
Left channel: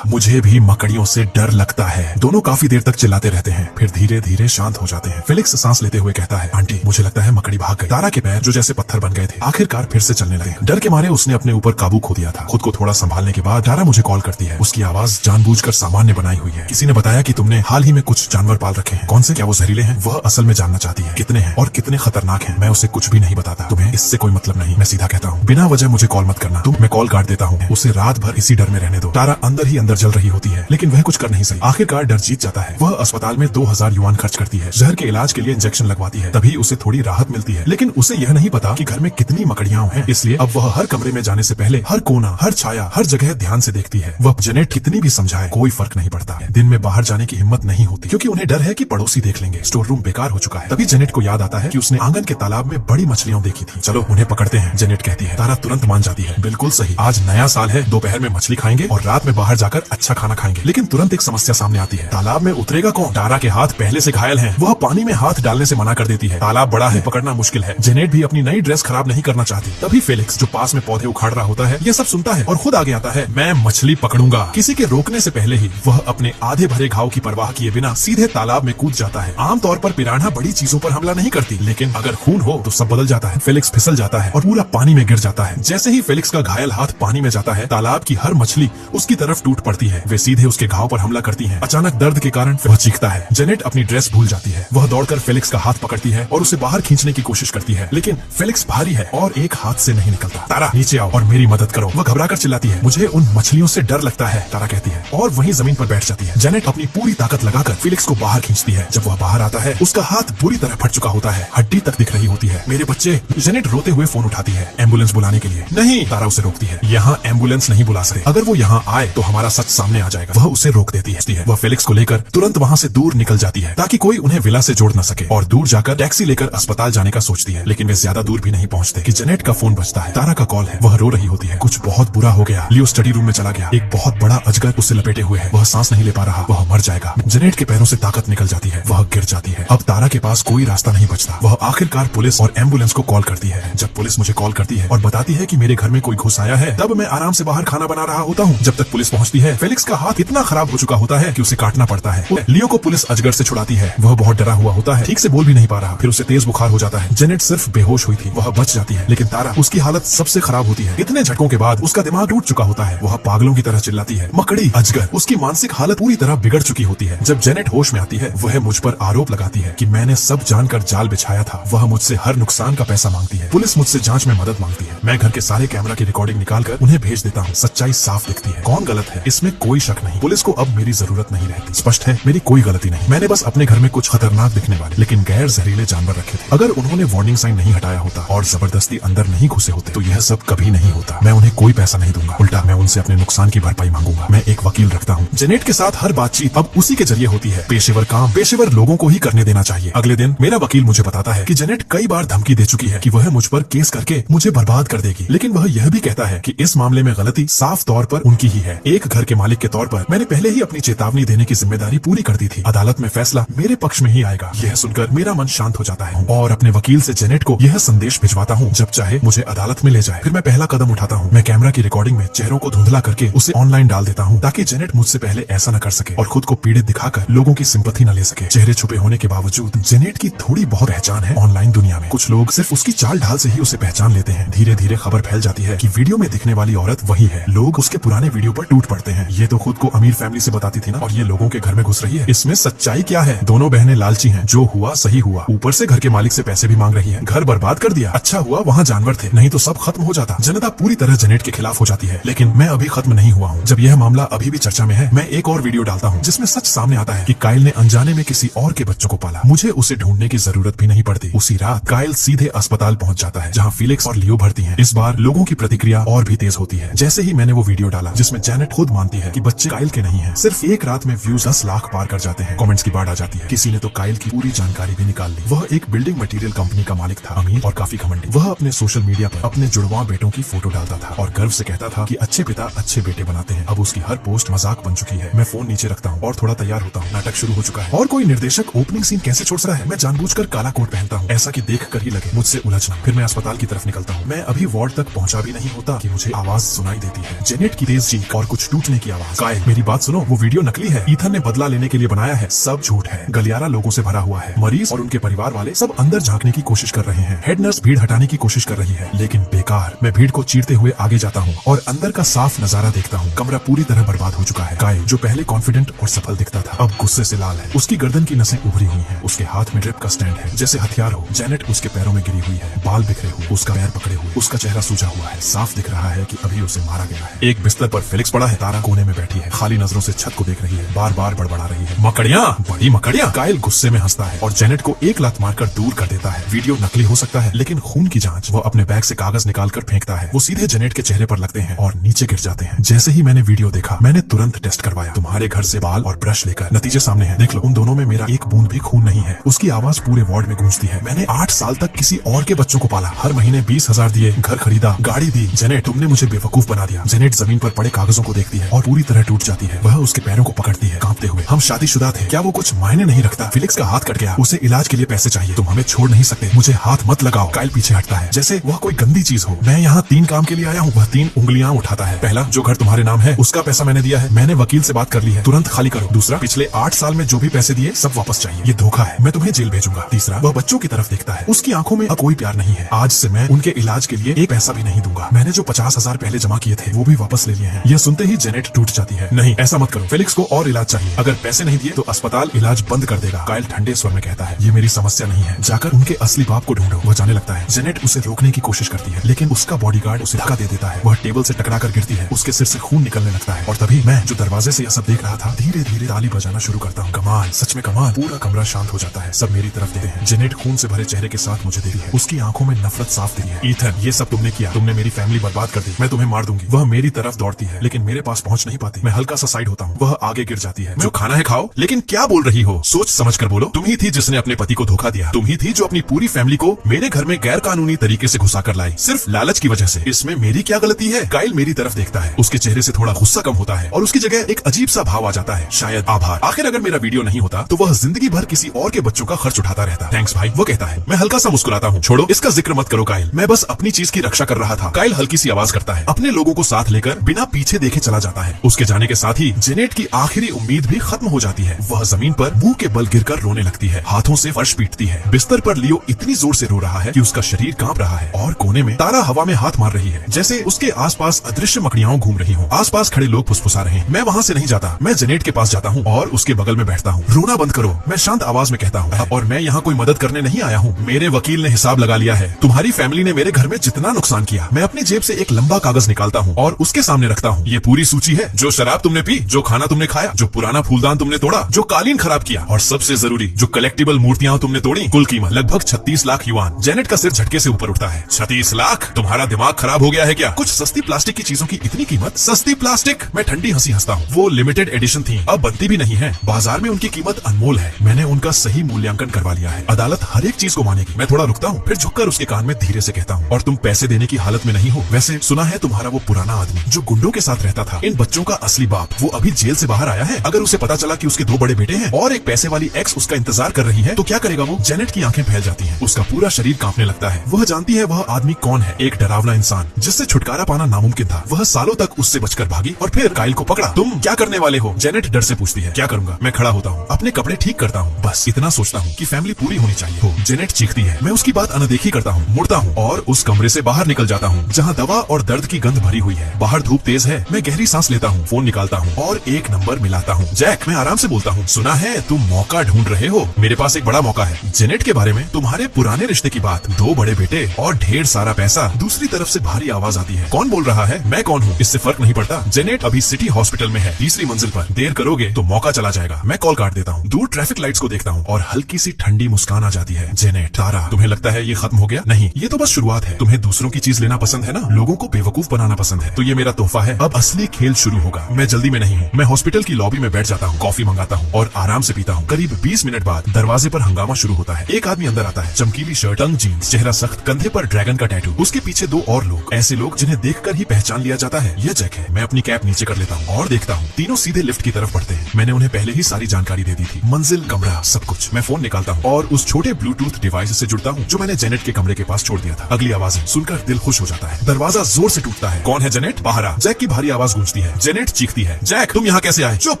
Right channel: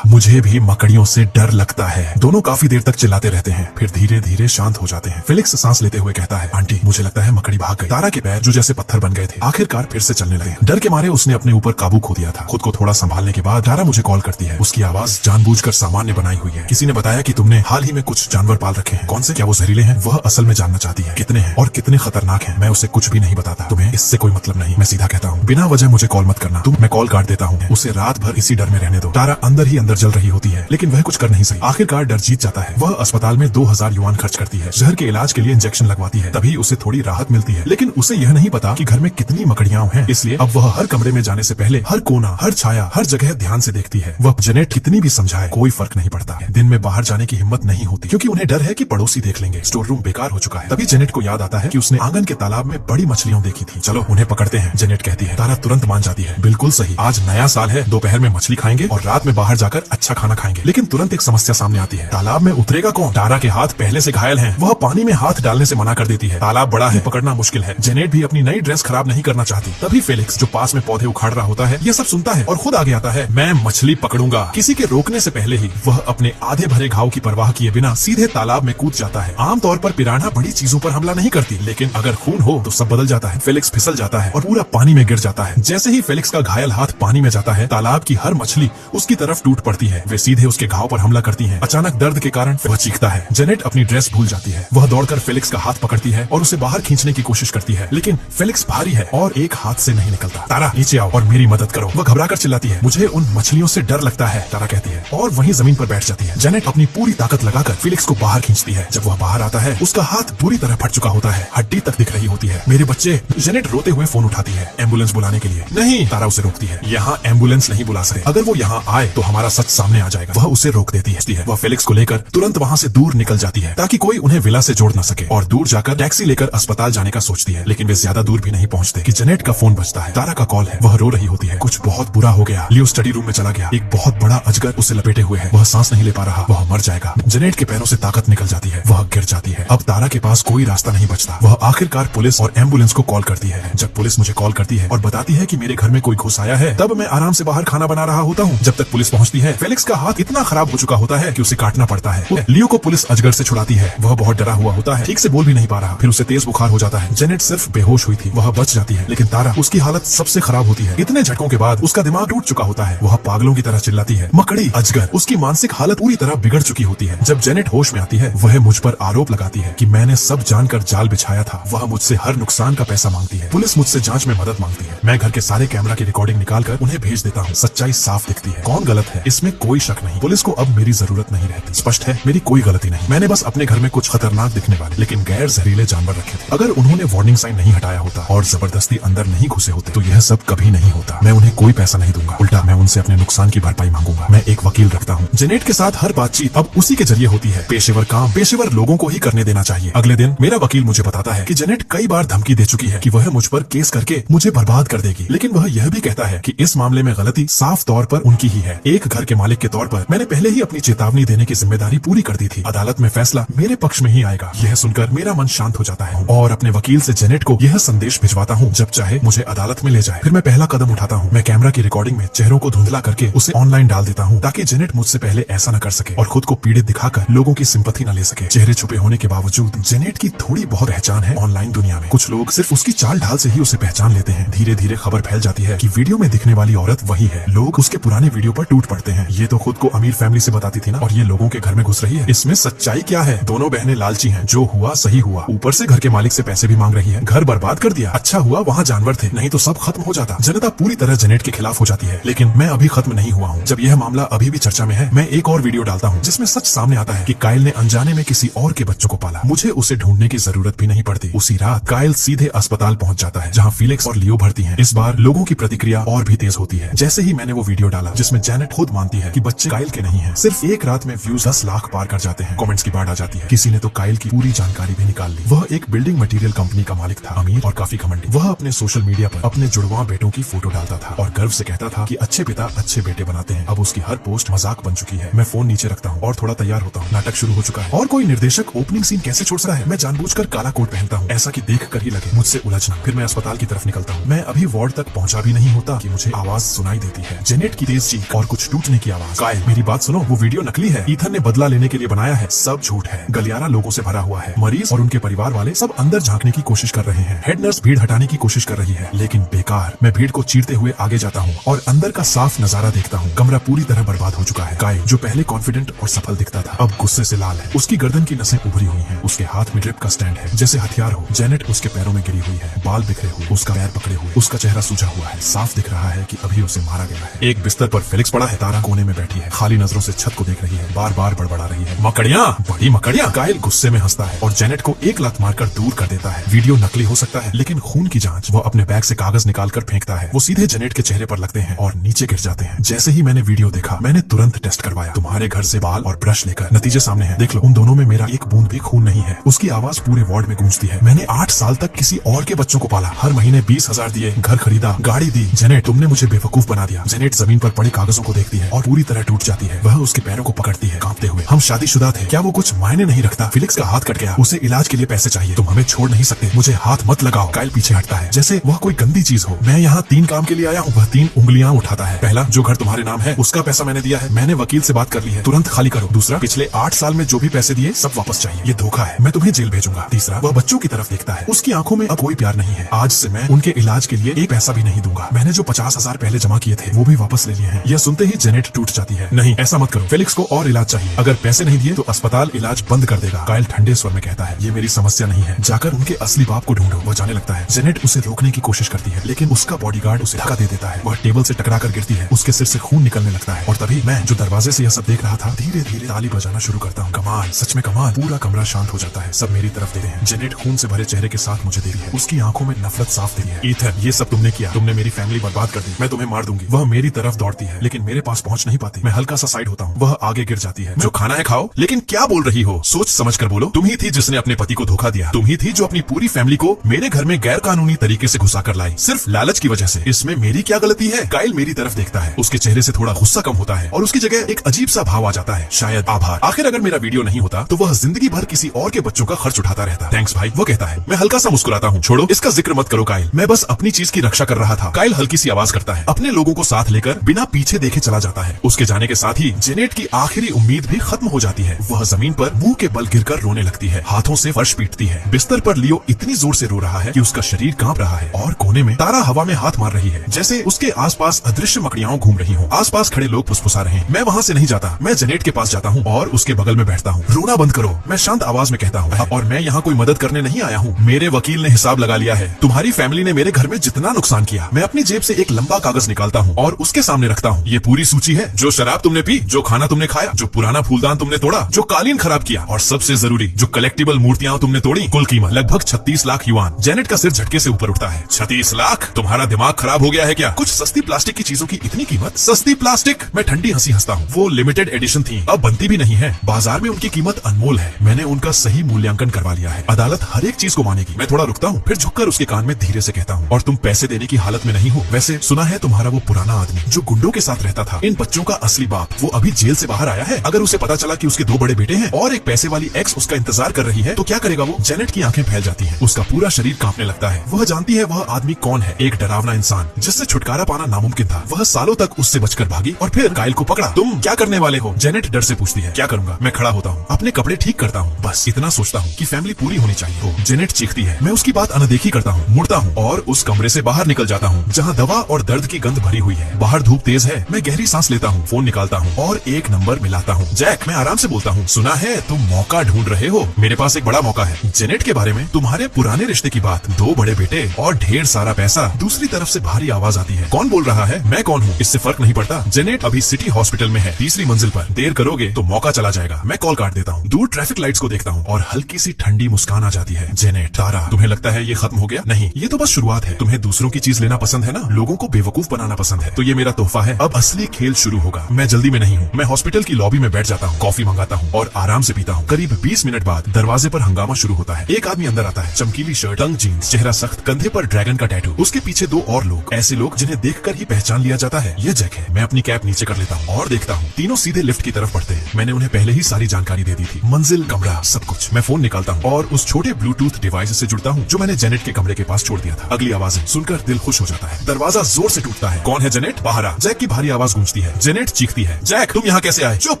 मुझे भी मकड़ियों से डर लगता है। दोनों काफी देर तक चिल्लाते रहते हैं, फिर धीरे धीरे धीरे शांत हो जाते हैं। फेलिक्स सांस लेते हुए कहता है, आंटी मुझे लगता है मकड़ी भाग गई। तारा के पैर जो जैसे पत्थर बन गए थे आखिरकार फिर से चलने लगे। डर के मारे उसने अपने ऊपर काबू खो दिया था। खुद को थोड़ा संभालने के बाद तारा मुझे कॉल करती है। उसकी आवाज जानबूझकर सामान्य बनाई हुई है। किसी ने बताया कि तुमने हाल ही में कुछ जानवर पाल रखे हैं। कौन से? क्या वो जहरीले हैं? वह असल में जानना चाहती है कितने हैं और कितने खतरनाक हैं। मैं उसे कुछ भी नहीं बताता। तुम्हें इससे कोई मतलब नहीं। मैं सीधा कहता हूँ, बिना वजह मुझे कॉल मत करना। मैं कॉल काट देता हूँ। उसे रात भर इसी डर में रहने दो। तारा अंदर ही अंदर जल रही होती है, लेकिन वह कुछ कर नहीं सकी। आखिरकार डर जीत जाता है। वह अस्पताल में 2000 युआन खर्च करती है। जहर के इलाज के लिए इंजेक्शन लगवाती है, तभी उसे थोड़ी राहत मिलती है। लेकिन उसे यह नहीं पता कि घर में कितनी मकड़ियां हैं। इसलिए अब वह हर कमरे में जाने से पहले हर कोना, हर छाया, हर जगह ध्यान से देखती है। वह जेनेट कितनी भी समझाए कोई फर्क नहीं पड़ता। दिन में बाहर जाने की हिम्मत नहीं होती, क्योंकि उन्हें डर है कि पड़ोसी देख लेंगे। स्टोर रूम बेकार हो चुका है। तभी जेनेट को याद आता है कि उसने आंगन के तालाब में बड़ी मछलियां देखी थी। चलो उन्हें पकड़ते हैं, जेनेट कहती है। तारा तुरंत मान जाती है। बिल्कुल सही, आज नया साल है। दोपहर में मछली खाएंगे और रात में बाहर जाकर अच्छा खाना खाएंगे। लेकिन तुरंत एक समस्या सामने आती है। तालाब में उतरेगा कौन? तारा के हाथ पहले से घायल हैं। वह पानी में हाथ डालने से मना कर देती है। तालाब बड़ा है, पकड़ना मुश्किल है। जेनेट भी अपनी नई ड्रेस खराब नहीं करना चाहती। तभी फेलिक्स जो पास में पौधे उखाड़ रहा होता है ये सब सुनता है और खुद आगे आता है। मैं मछली पकड़ूंगा। किसी के रोकने से पहले ही वह अपने आधे भरे घाव की परवाह किए बिना सीधे तालाब में कूद जाता है। आमतौर पर पिरान्हा बड़ी चीजों पर हमला नहीं करती, लेकिन अगर खून हो तो सब बदल जाता है। फेलिक्स फिसल जाता है और पूरा पानी में गिर जाता है। जैसे ही फेलिक्स का घायल हाथ पानी में जाता है, तालाब की हर मछली उसकी तरफ टूट पड़ती है। वे सीधे उसके घाव पर हमला करती हैं। अचानक दर्द के कारण वह चीखता है। जेनेट अपनी ड्रेस भूल जाती है। वह दौड़कर फेलिक्स का हाथ पकड़ती है और उसे बाहर खींचने की कोशिश करती है, लेकिन फेलिक्स भारी है और एक हाथ से नहीं निकलता। तारा नीचे आओ और मेरी मदद करो। वह घबराकर चिल्लाती है। मुझे उन मछलियों से डर लगता है, तारा कहती है और वहीं जमीन पर बैठ जाती है। जेनेट अपनी पूरी ताकत लगाकर फेलिक्स को बाहर खींचती है। जब वह बाहर आता है उसका हाथ बुरी तरह फट चुका होता है, हड्डी तक दिख रही होती है। मेरे बच्चे। जेनेट रोते हुए फोन उठाती है एम्बुलेंस बुलाने के लिए। नहीं, तारा उसे रोकती है। यहाँ एम्बुलेंस नहीं बुला सकते। अगर वो यहाँ आए तो हमारा सच सामने आ जाएगा। वह उसे रोक देती है। वह फेलिक्स को लेकर तुरंत वहाँ से दूर निकल जाती है ताकि कोई उन्हें विला से जोड़ न सके, और दूर जाकर टैक्सी लेकर अस्पताल जाने का सोचती है। लेकिन वे ज्यादा दूर भी नहीं पहुँचते कि जेनेट का फोन बजता है। तारा का कॉल है। वह रो रही होती है। कुछ बहुत बुरा हो गया। लियो स्टडी रूम में चला गया। एक बहुत बड़ा अजगर उसे लपेटे हुए है। वह सांस नहीं ले पा रहा। वह मर जाएगा। जेनेट के पैरों से ताकत निकल जाती है। वह गिर जाती है। अब तारा के पास कोई रास्ता नहीं बचता। वह आखिरकार पुलिस और एम्बुलेंस को कॉल करती है। जब पुलिस मुझे कॉल करती है और बताती है कि मेरे घर में कोई घुस आया है, तब मैं आराम से बाहर खाना बना रहा होता हूँ। जब तक पुलिस पहुँचती है, फेलिक्स का हाथ इतना खराब हो चुका होता है कि उसे काटना पड़ता है। लियो को पुलिस अजगर से छुड़ाती है। वह बहुत डरा हुआ होता है, ठीक से बोल भी नहीं पा रहा। फिर उसे तेज बुखार हो जाता है। जेनेट सिर्फ बेहोश हुई थी। वह बच जाती है, लेकिन तारा, उसकी हालत सबसे खराब होती है। इतने झटकों के बाद उसका दिमाग टूट चुका होता है। वह पागलों की तरह चिल्लाती है, मकड़ी, अजगर। उसकी मानसिक हालत पूरी तरह बिगड़ चुकी होती है। जब जेनेट होश में आती है, वह मुझ पर आरोप लगाती है कि मैंने सब जानकर जाल बिछाया था। वह मुझसे हर नुकसान का पैसा मांगती है। पुलिस मुझसे जांच में मदद मांगती है। मैं घर के सारे कैमरा की रिकॉर्डिंग निकालकर उन्हें भेज देता हूँ। सच्चाई साफ दिखती है। कौन गलत है इसमें कोई शक नहीं। पुलिस को अब मेरी जरूरत नहीं रहती। स्पष्ट है, मेरी कोई गलती नहीं। मैंने बस अपने घर में कुछ खतरनाक दिखने वाले लेकिन गैर जहरीले जानवर रखे थे। अगर उन्होंने वार्निंग साइन नहीं हटाया होता और जबरदस्ती अंदर नहीं घुसे होते तो यह सब कभी नहीं होता। मैं उन्हें कोई पैसा नहीं दूंगा, उल्टा मैं उनसे अपने नुकसान की भरपाई मांगूंगा। मैं एक वकील रखता हूँ। जेनेट के साथ हर बातचीत अब उसी के जरिए होती है। पेशेवर काम पेशेवर लोगों को ही करने देना चाहिए। अगले दिन मेरा वकील मुझे बताता है कि जेनेट कई बार धमकी दे चुकी है कि वह मुझ पर केस करके मुझे बर्बाद कर देगी, लेकिन वह यह भी कहता है कि इस मामले में गलती साफ तौर पर उनकी ही है। एक घर के मालिक के तौर पर मैंने पहले ही अपनी चेतावनी देने की जिम्मेदारी पूरी कर दी थी। अदालत में फैसला मेरे पक्ष में ही आएगा। यह सुनकर मेरा मन शांत हो जाता है और अपने वकील से जेनेट को यह संदेश भिजवाता हूँ, जब चाहे मुझे अदालत में ले जाए। फिर मैं पहला कदम उठाता हूँ। मैं कैमरा की रिकॉर्डिंग में चेहरों को धुंधला करके उसे ऑनलाइन डाल देता हूँ ताकि जेनेट मुझसे पहले ऐसा न कर सके और खुद को पीड़ित दिखाकर लोगों की सिंपैथी न ले सके। चेहरे छुपे होने के बावजूद जेनेट की थोड़ी बहुत पहचान है ऑनलाइन दुनिया में। कुछ लोग सिर्फ उसकी चाल ढाल से ही उसे पहचान लेते हैं। धीरे धीरे खबर फैल जाती है कि वीडियो में दिखने वाली औरत वही है। लोग उसके पुराने वीडियो पर टूट पड़ते हैं। ये तो खुद को अमीर फैमिली से बताती थी ना, और ये लोगों के घर में घुस रही है। इसमें सच्चाई क्या है? दोनों बहनें लालची हैं। जो हुआ सही हुआ। ऊपर से घर के मालिक से पैसे भी मांग रही है। घर बर्बाद कर दिया। अच्छा हुआ वहाँ जानवर थे, नहीं तो सब खत्म हो जाता। जनता पूरी तरह जेनेट के खिलाफ हो जाती है। लेकिन मैं अभी खत्म नहीं हुआ हूँ। जब यह मामला अभी भी चर्चा में है, मैं एक और वीडियो डालता हूँ जिसमें सच सामने आता है कि काइल ने अनजाने में किसी और के बच्चों को पाला। मुझे उसे ढूंढने की जरूरत भी नहीं पड़ती। उसी रात काइल सीधे अस्पताल पहुंच जाता है जहां फेलिक्स और लियो भर्ती हैं। इस बार लोगों की प्रतिक्रिया और भी तेज होती है। जैसे ही मैंने वो वीडियो डाला जिसमें जेनेट खुद मानती है कि बच्चे काइल के नहीं हैं, सिर्फ एक रात में व्यूज 10 लाख पार कर जाते हैं। कमेंट्स की बाढ़ आ जाती है। किसी ने तो काइल की पूरी जानकारी भी निकाल ली। वह एक बिल्डिंग मटेरियल कंपनी का मालिक था, अमीर और काफी घमंडी। वह अपने सोशल मीडिया पर अपने जुड़वा बेटों की फोटो डालता था और गर्व से कहता था कि अच्छे पिता अच्छे बेटे बनाते हैं। अब उसकी हर पोस्ट मजाक बन चुकी है। मैं फोन नीचे रखता हूँ और थोड़ा तैयार होता हूँ। नाटक शुरू हो चुका है। और कोई निर्देशक ओपनिंग सीन कैसे छोड़ रहा है। मैं जानबूझकर काला कोट पहनता हूँ, ऐसा कि देख कर ही लगे मुझसे उलझना। फिर मैं अस्पताल की तरफ निकलता हूँ। मैं अभी वार्ड तक पहुँचा भी नहीं होता कि मुझे आवाज सुनाई देती है, जेनेट की तेज चीख और कुछ टूटने की आवाज। कायल मेरी बात सुनो, वो वीडियो नकली है, ईथन ने बदला लेने के लिए बनाया है, सब झूठ है। गलियारा लोगों से भरा हुआ है, मरीज और उनके परिवार वाले सब अंदर झांकने की कोशिश कर रहे हैं। हेड नर्स भीड़ हटाने की कोशिश कर रही है, लेकिन बेकार। मैं भीड़ को चीरते हुए आगे जाता हूँ और अंदर का साफ नजारा देखता हूँ। कमरा पूरी तरह बर्बाद हो चुका है। कायल जो पहले कॉन्फिडेंट और सफल दिखता था, अब गुस्से से लाल है। उसकी गर्दन की नसें उभरी हुई हैं, उसके हाथ में ड्रिप का स्टैंड है जैसे हथियार हो। जेनेट उसके पैरों में गिरी हुई है, बाल बिखरे हुए, उसका पैर पकड़े हुए, उसका चेहरा सूजा हुआ है। साफ दिख रहा है कि अभी उसे मारा गया है। एक बिस्तर पर फेलिक्स पड़ा है, तारा कोने में बैठी है, खाली नजरों से छत को देख रही है, बार बार बड़बड़ा रही है, मकड़ियां, बड़ी मकड़ियां। कायल गुस्से में हंसता है और जेनेट को एक लात मारकर दूर कर देता है। वीडियो नकली हो सकता है, लेकिन खून की जांच। वो अपने बैग से कागज निकालकर फेंकता है, वो सीधे जेनेट के चेहरे पर लगते हैं और नीचे गिर जाते हैं। जैसे ही मैंने वीडियो देखा, मैंने तुरंत टेस्ट करवाया। तुम्हारे घर से बाल और ब्रश लेकर, नतीजे सामने हैं, देख लो। उन दोनों में मेरा एक बूंद भी खून नहीं है। उसकी आवाज पूरे वार्ड में गूंजती है। मैंने 8 साल तक किसी और के बच्चों को पाला, हर महीने 20,000 दिए, घर खरीदा, गाड़ी दी। जेनेट तुमने मुझे बेवकूफ बना दिया। जेनेट जमीन पर पड़े कागजों को देखती है और पूरी तरह टूट जाती है। वह उसके पैरों को पकड़ती है कांपते हुए। हम शादीशुदा थे, क्या वो कुछ मायने नहीं रखता? फेलिक्स का हाथ कट गया, उसे इलाज के लिए पैसे चाहिए, तुम हमें छोड़ नहीं सकते, मुझे हाथ मत लगाओ। कायल पीछे हटता है जैसे वह कोई गंदी चीज हो। मैं यहाँ 3 काम के लिए आया हूँ। वह 3 उंगलियां उठाता है। पहला, जो घर तुम्हारे नाम है उसका पैसा मैंने दिया है, मैंने वकील से बात कर ली है, तुरंत खाली करो। दूसरा, पिछले 8 साल में जो भी पैसे दिए सब वापस चाहिए, ये धोखा है, मैं तुम्हें जेल भेजूंगा। तीसरा, वह बच्चों की तरफ देखता है, उसकी आंखों में अब कोई प्यार नहीं है। आज से मैं उनके इलाज के लिए एक पैसा भी नहीं दूंगा। मैंने जो 50,000 पहले जमा किए थे वो भी वापस ले लिए हैं। यह सुनते ही जेनेट टूट जाती है। नहीं, ऐसा मत करो, फेलिक्स को और इलाज चाहिए, अगर पैसे नहीं दिए तो अस्पताल इलाज बंद कर देगा। कायल ठंडे स्वर में कहता है, ये मेरी समस्या नहीं है, जाकर उनके असली बाप को ढूंढो। वह जाने लगता है। जेनेट उसे रोकने की कोशिश करती है, लेकिन उसका बॉडीगार्ड उसे धक्का दे देता है। वह टेबल से टकरा कर गिरती है, उसके सिर से खून निकलने लगता है। और तभी मैं, जो दरवाजे से यह सब देख रहा था, धीरे धीरे ताली बजाना शुरू करता हूँ। कमाल, सच में कमाल। पूरा कमरा शांत हो जाता है, सब मेरी तरफ देखते हैं। जेनेट खून से भरे चेहरे के साथ मुझे देखती है, उसकी आंखों में नफरत साफ दिखती है। ईथन, ये सब तुमने किया, तुमने मेरी फैमिली बर्बाद कर दी, मैं तुम्हें मार दूंगी। वह मेरी तरफ दौड़ती है, लेकिन मेरे पास पहुंच नहीं पाती। मैं हल्का सा साइड होता हूँ, वह आगे गिर जाती है। जो खाना है खाओ, लेकिन क्या बोल रही हो? सोच समझ कर बोलो। तुम ही थी जिसने अपने पति को धोखा दिया, तुम ही थी जो अपनी पूरी फैमिली को मेरे घर में गैर कानूनी तरीके से घुसा कर लाई, सिर्फ लालच की वजह से। इसमें मेरी क्या गलती है? कायल मेरी तरफ देखता है, उसके चेहरे से थोड़ा गुस्सा कम होता है और उसकी जगह एक अजीब सा भाव आ जाता है, शायद आभार। आखिर अगर मेरा वीडियो नहीं होता तो वह जिंदगी भर किसी और के बच्चों का खर्च उठाता रहता। थैंक्स भाई, वो कहता है। मैं हल्का सा मुस्कुराता हूँ। छोड़ो, इसका जिक्र मत करो कायल, मैं बस अपनी चीज की रक्षा कर रहा था। कायल हल्की सी आवाज करता है, अपने लोगों को साथ लेकर बिना पीछे देखे चला जाता है। उसके जाने के साथ ही जेनेट की आखिरी उम्मीद भी खत्म हो जाती है। वह जमीन पर मुंह के बल गिरकर रोने लगती है, हाथों से फर्श पीटती है। बिस्तर पर लियो इतनी जोर से रो रहा है कि उसका शरीर कांप रहा है और कोने में तारा हवा में हाथ मार रही है, जैसे उसके आसपास अदृश्य मकड़ियां घूम रही हो। आसपास खड़े लोग फुसफुसा रहे हैं। मैं वहाँ से नहीं जाता, मैं जेनेट के पास जाता हूँ और उसके बगल में बैठता हूँ। रोना बंद करो, मैं शांत आवाज में कहता हूँ, और मैं यहाँ कोई मदद करने नहीं आया हूँ। मेरे वकील ने हिसाब लगा लिया है, तुम्हारी फैमिली ने मेरे घर में जितना नुकसान किया। मैं अपनी जेब से एक लंबा कागज निकालता हूँ और उसके सामने रखता हूँ। ये पूरी सूची है, जो शराब तुमने पी, जो खाना तुमने खाया, जो पुराना फूलदान तुमने तोड़ा, जो कालीन खराब किया, और सबसे जरूरी, जो कलेक्टिबल मूर्तियां तुमने तोड़ी। कुल कीमत लगभग 36 लाख युआन। जेनेट का सिर झटके से ऊपर उठता है। 36 लाख? तुम्हारा दिमाग खराब हो गया है क्या? कुछ सस्ती प्लास्टिक की चीजों की इतनी कीमत? सस्ती प्लास्टिक? मैं ठंडी हंसी हंसता हूँ। वो लिमिटेड एडिशन थी, अब बनती भी नहीं है। बाजार में उनकी कीमत अनमोल है। मैंने उनका सही मूल्यांकन करवा लिया है, अदालत हर एक चीज को मानेगी। मैं थोड़ा रुकता हूँ, फिर झुककर उसके कान में धीरे से कहता हूँ, और तुम पैसे देने की हालत में नहीं हो। वैसे सुना है तुम्हारा वो पुराना आदमी जो गुंडों के साथ रहता था, इन बच्चों का असली बाप, वो अभी जेल से बाहर आया है। अगर उसे पता चला कि उसके 2 बड़े बेटे हैं और एक पैसे वाली एक्स उसका इंतजार कर रही है, तो क्या करेगा वो? जेनेट की आंखें फैल जाती हैं, उसका पूरा शरीर कांपने लगता है। वह जानती है वह आदमी कौन है, एक डरावना इंसान जिससे छुटकारा पाना नामुमकिन था। वह सालों तक उससे बचकर भागी और फिर कायल को पकड़ा। तुम क्या करने वाले हो? जेनेट डर से पूछती है। क्या करूंगा? मैं खड़ा होता हूँ, अपने कपड़े ठीक करता हूँ, बस इतना सोचता हूँ कि फैमिली पूरी होनी चाहिए हो। जेनेट चीखती है। मैं उसकी बात अनदेखी करता हूँ, मुड़ता हूँ और उस कमरे से बाहर निकल जाता हूँ जहाँ दवा और दर्द की गंध भरी हुई है। बाहर धूप तेज है। मैं गहरी सांस लेता हूँ, फोन निकालता हूँ और एक नंबर मिलाता हूँ। जैक, मैं आराम से बोलता हूँ, सुना है तुम मौका ढूंढ रहे हो? मेरे पास एक बड़ा मौका है। जेनेट के बारे में, तुम्हारे पुराने रिश्ते की बात, 2 बड़े बेटे और ढेर सारा पैसा। दूसरी तरफ से भारी आवाज आती है। कौन बोल रहा है? मैं कौन हूँ इससे फर्क नहीं पड़ता। जेनेट अभी सिटी हॉस्पिटल में है, 3री मंजिल पर। देर करोगे तो मौका चला जाएगा। मैं कॉल काट देता हूँ, दूर ट्रैफिक लाइट्स को देखता हूँ और हल्की सी ठंडी मुस्कान आ जाती है। जेनेट, तारा, तुम्हें लगता है ये खत्म हो गया? नहीं, ये तो बस शुरुआत है। तुम्हें दूसरों की चीज लेना पसंद है ना, लोगों को बेवकूफ बनाना पसंद है, तो ये मेरा तोहफा है। अब असली खेल शुरू होगा। मैं जल्दी में नहीं हूँ। मैं हॉस्पिटल की लॉबी में बैठ जाता हूँ, कॉफी मंगाता हूँ और आराम से पीता हूँ। करीब 20 मिनट बाद दरवाजे पर हंगामा शुरू होता है। एक आदमी अंदर आता है, चमकीली शर्ट, तंग जीन्स, चेहरा सख्त, कंधे पर ड्रैगन का टैटू। उसके पीछे 2 और लोग, ऐसे लोग जिन्हें देखकर ही पहचान लिया जाता है। ये जैक है। मैं अपनी कैप नीचे कर लेता हूँ और देखता हूँ, तीनों सीधे लिफ्ट की तरफ बढ़ते हैं। मैंने उन्हें पहले ही सारी जानकारी दे दी थी, मंजिल, कमरा, सब कुछ। मैं फोन निकालता हूँ और उस छोटे ब्लूटूथ डिवाइस डिवाइस से जुड़ता हूँ जो मैंने जेनेट के कमरे के पास छोड़ दिया था। अगली आवाजें सुनकर दिल खुश हो जाता है। दरवाजा जोर से टूटता है। कौन है जेनेट? बाहर आ। जैक की भारी आवाज गूंजती है। जेनेट चीखती है, जैक तुम यहाँ कैसे आए? चुप,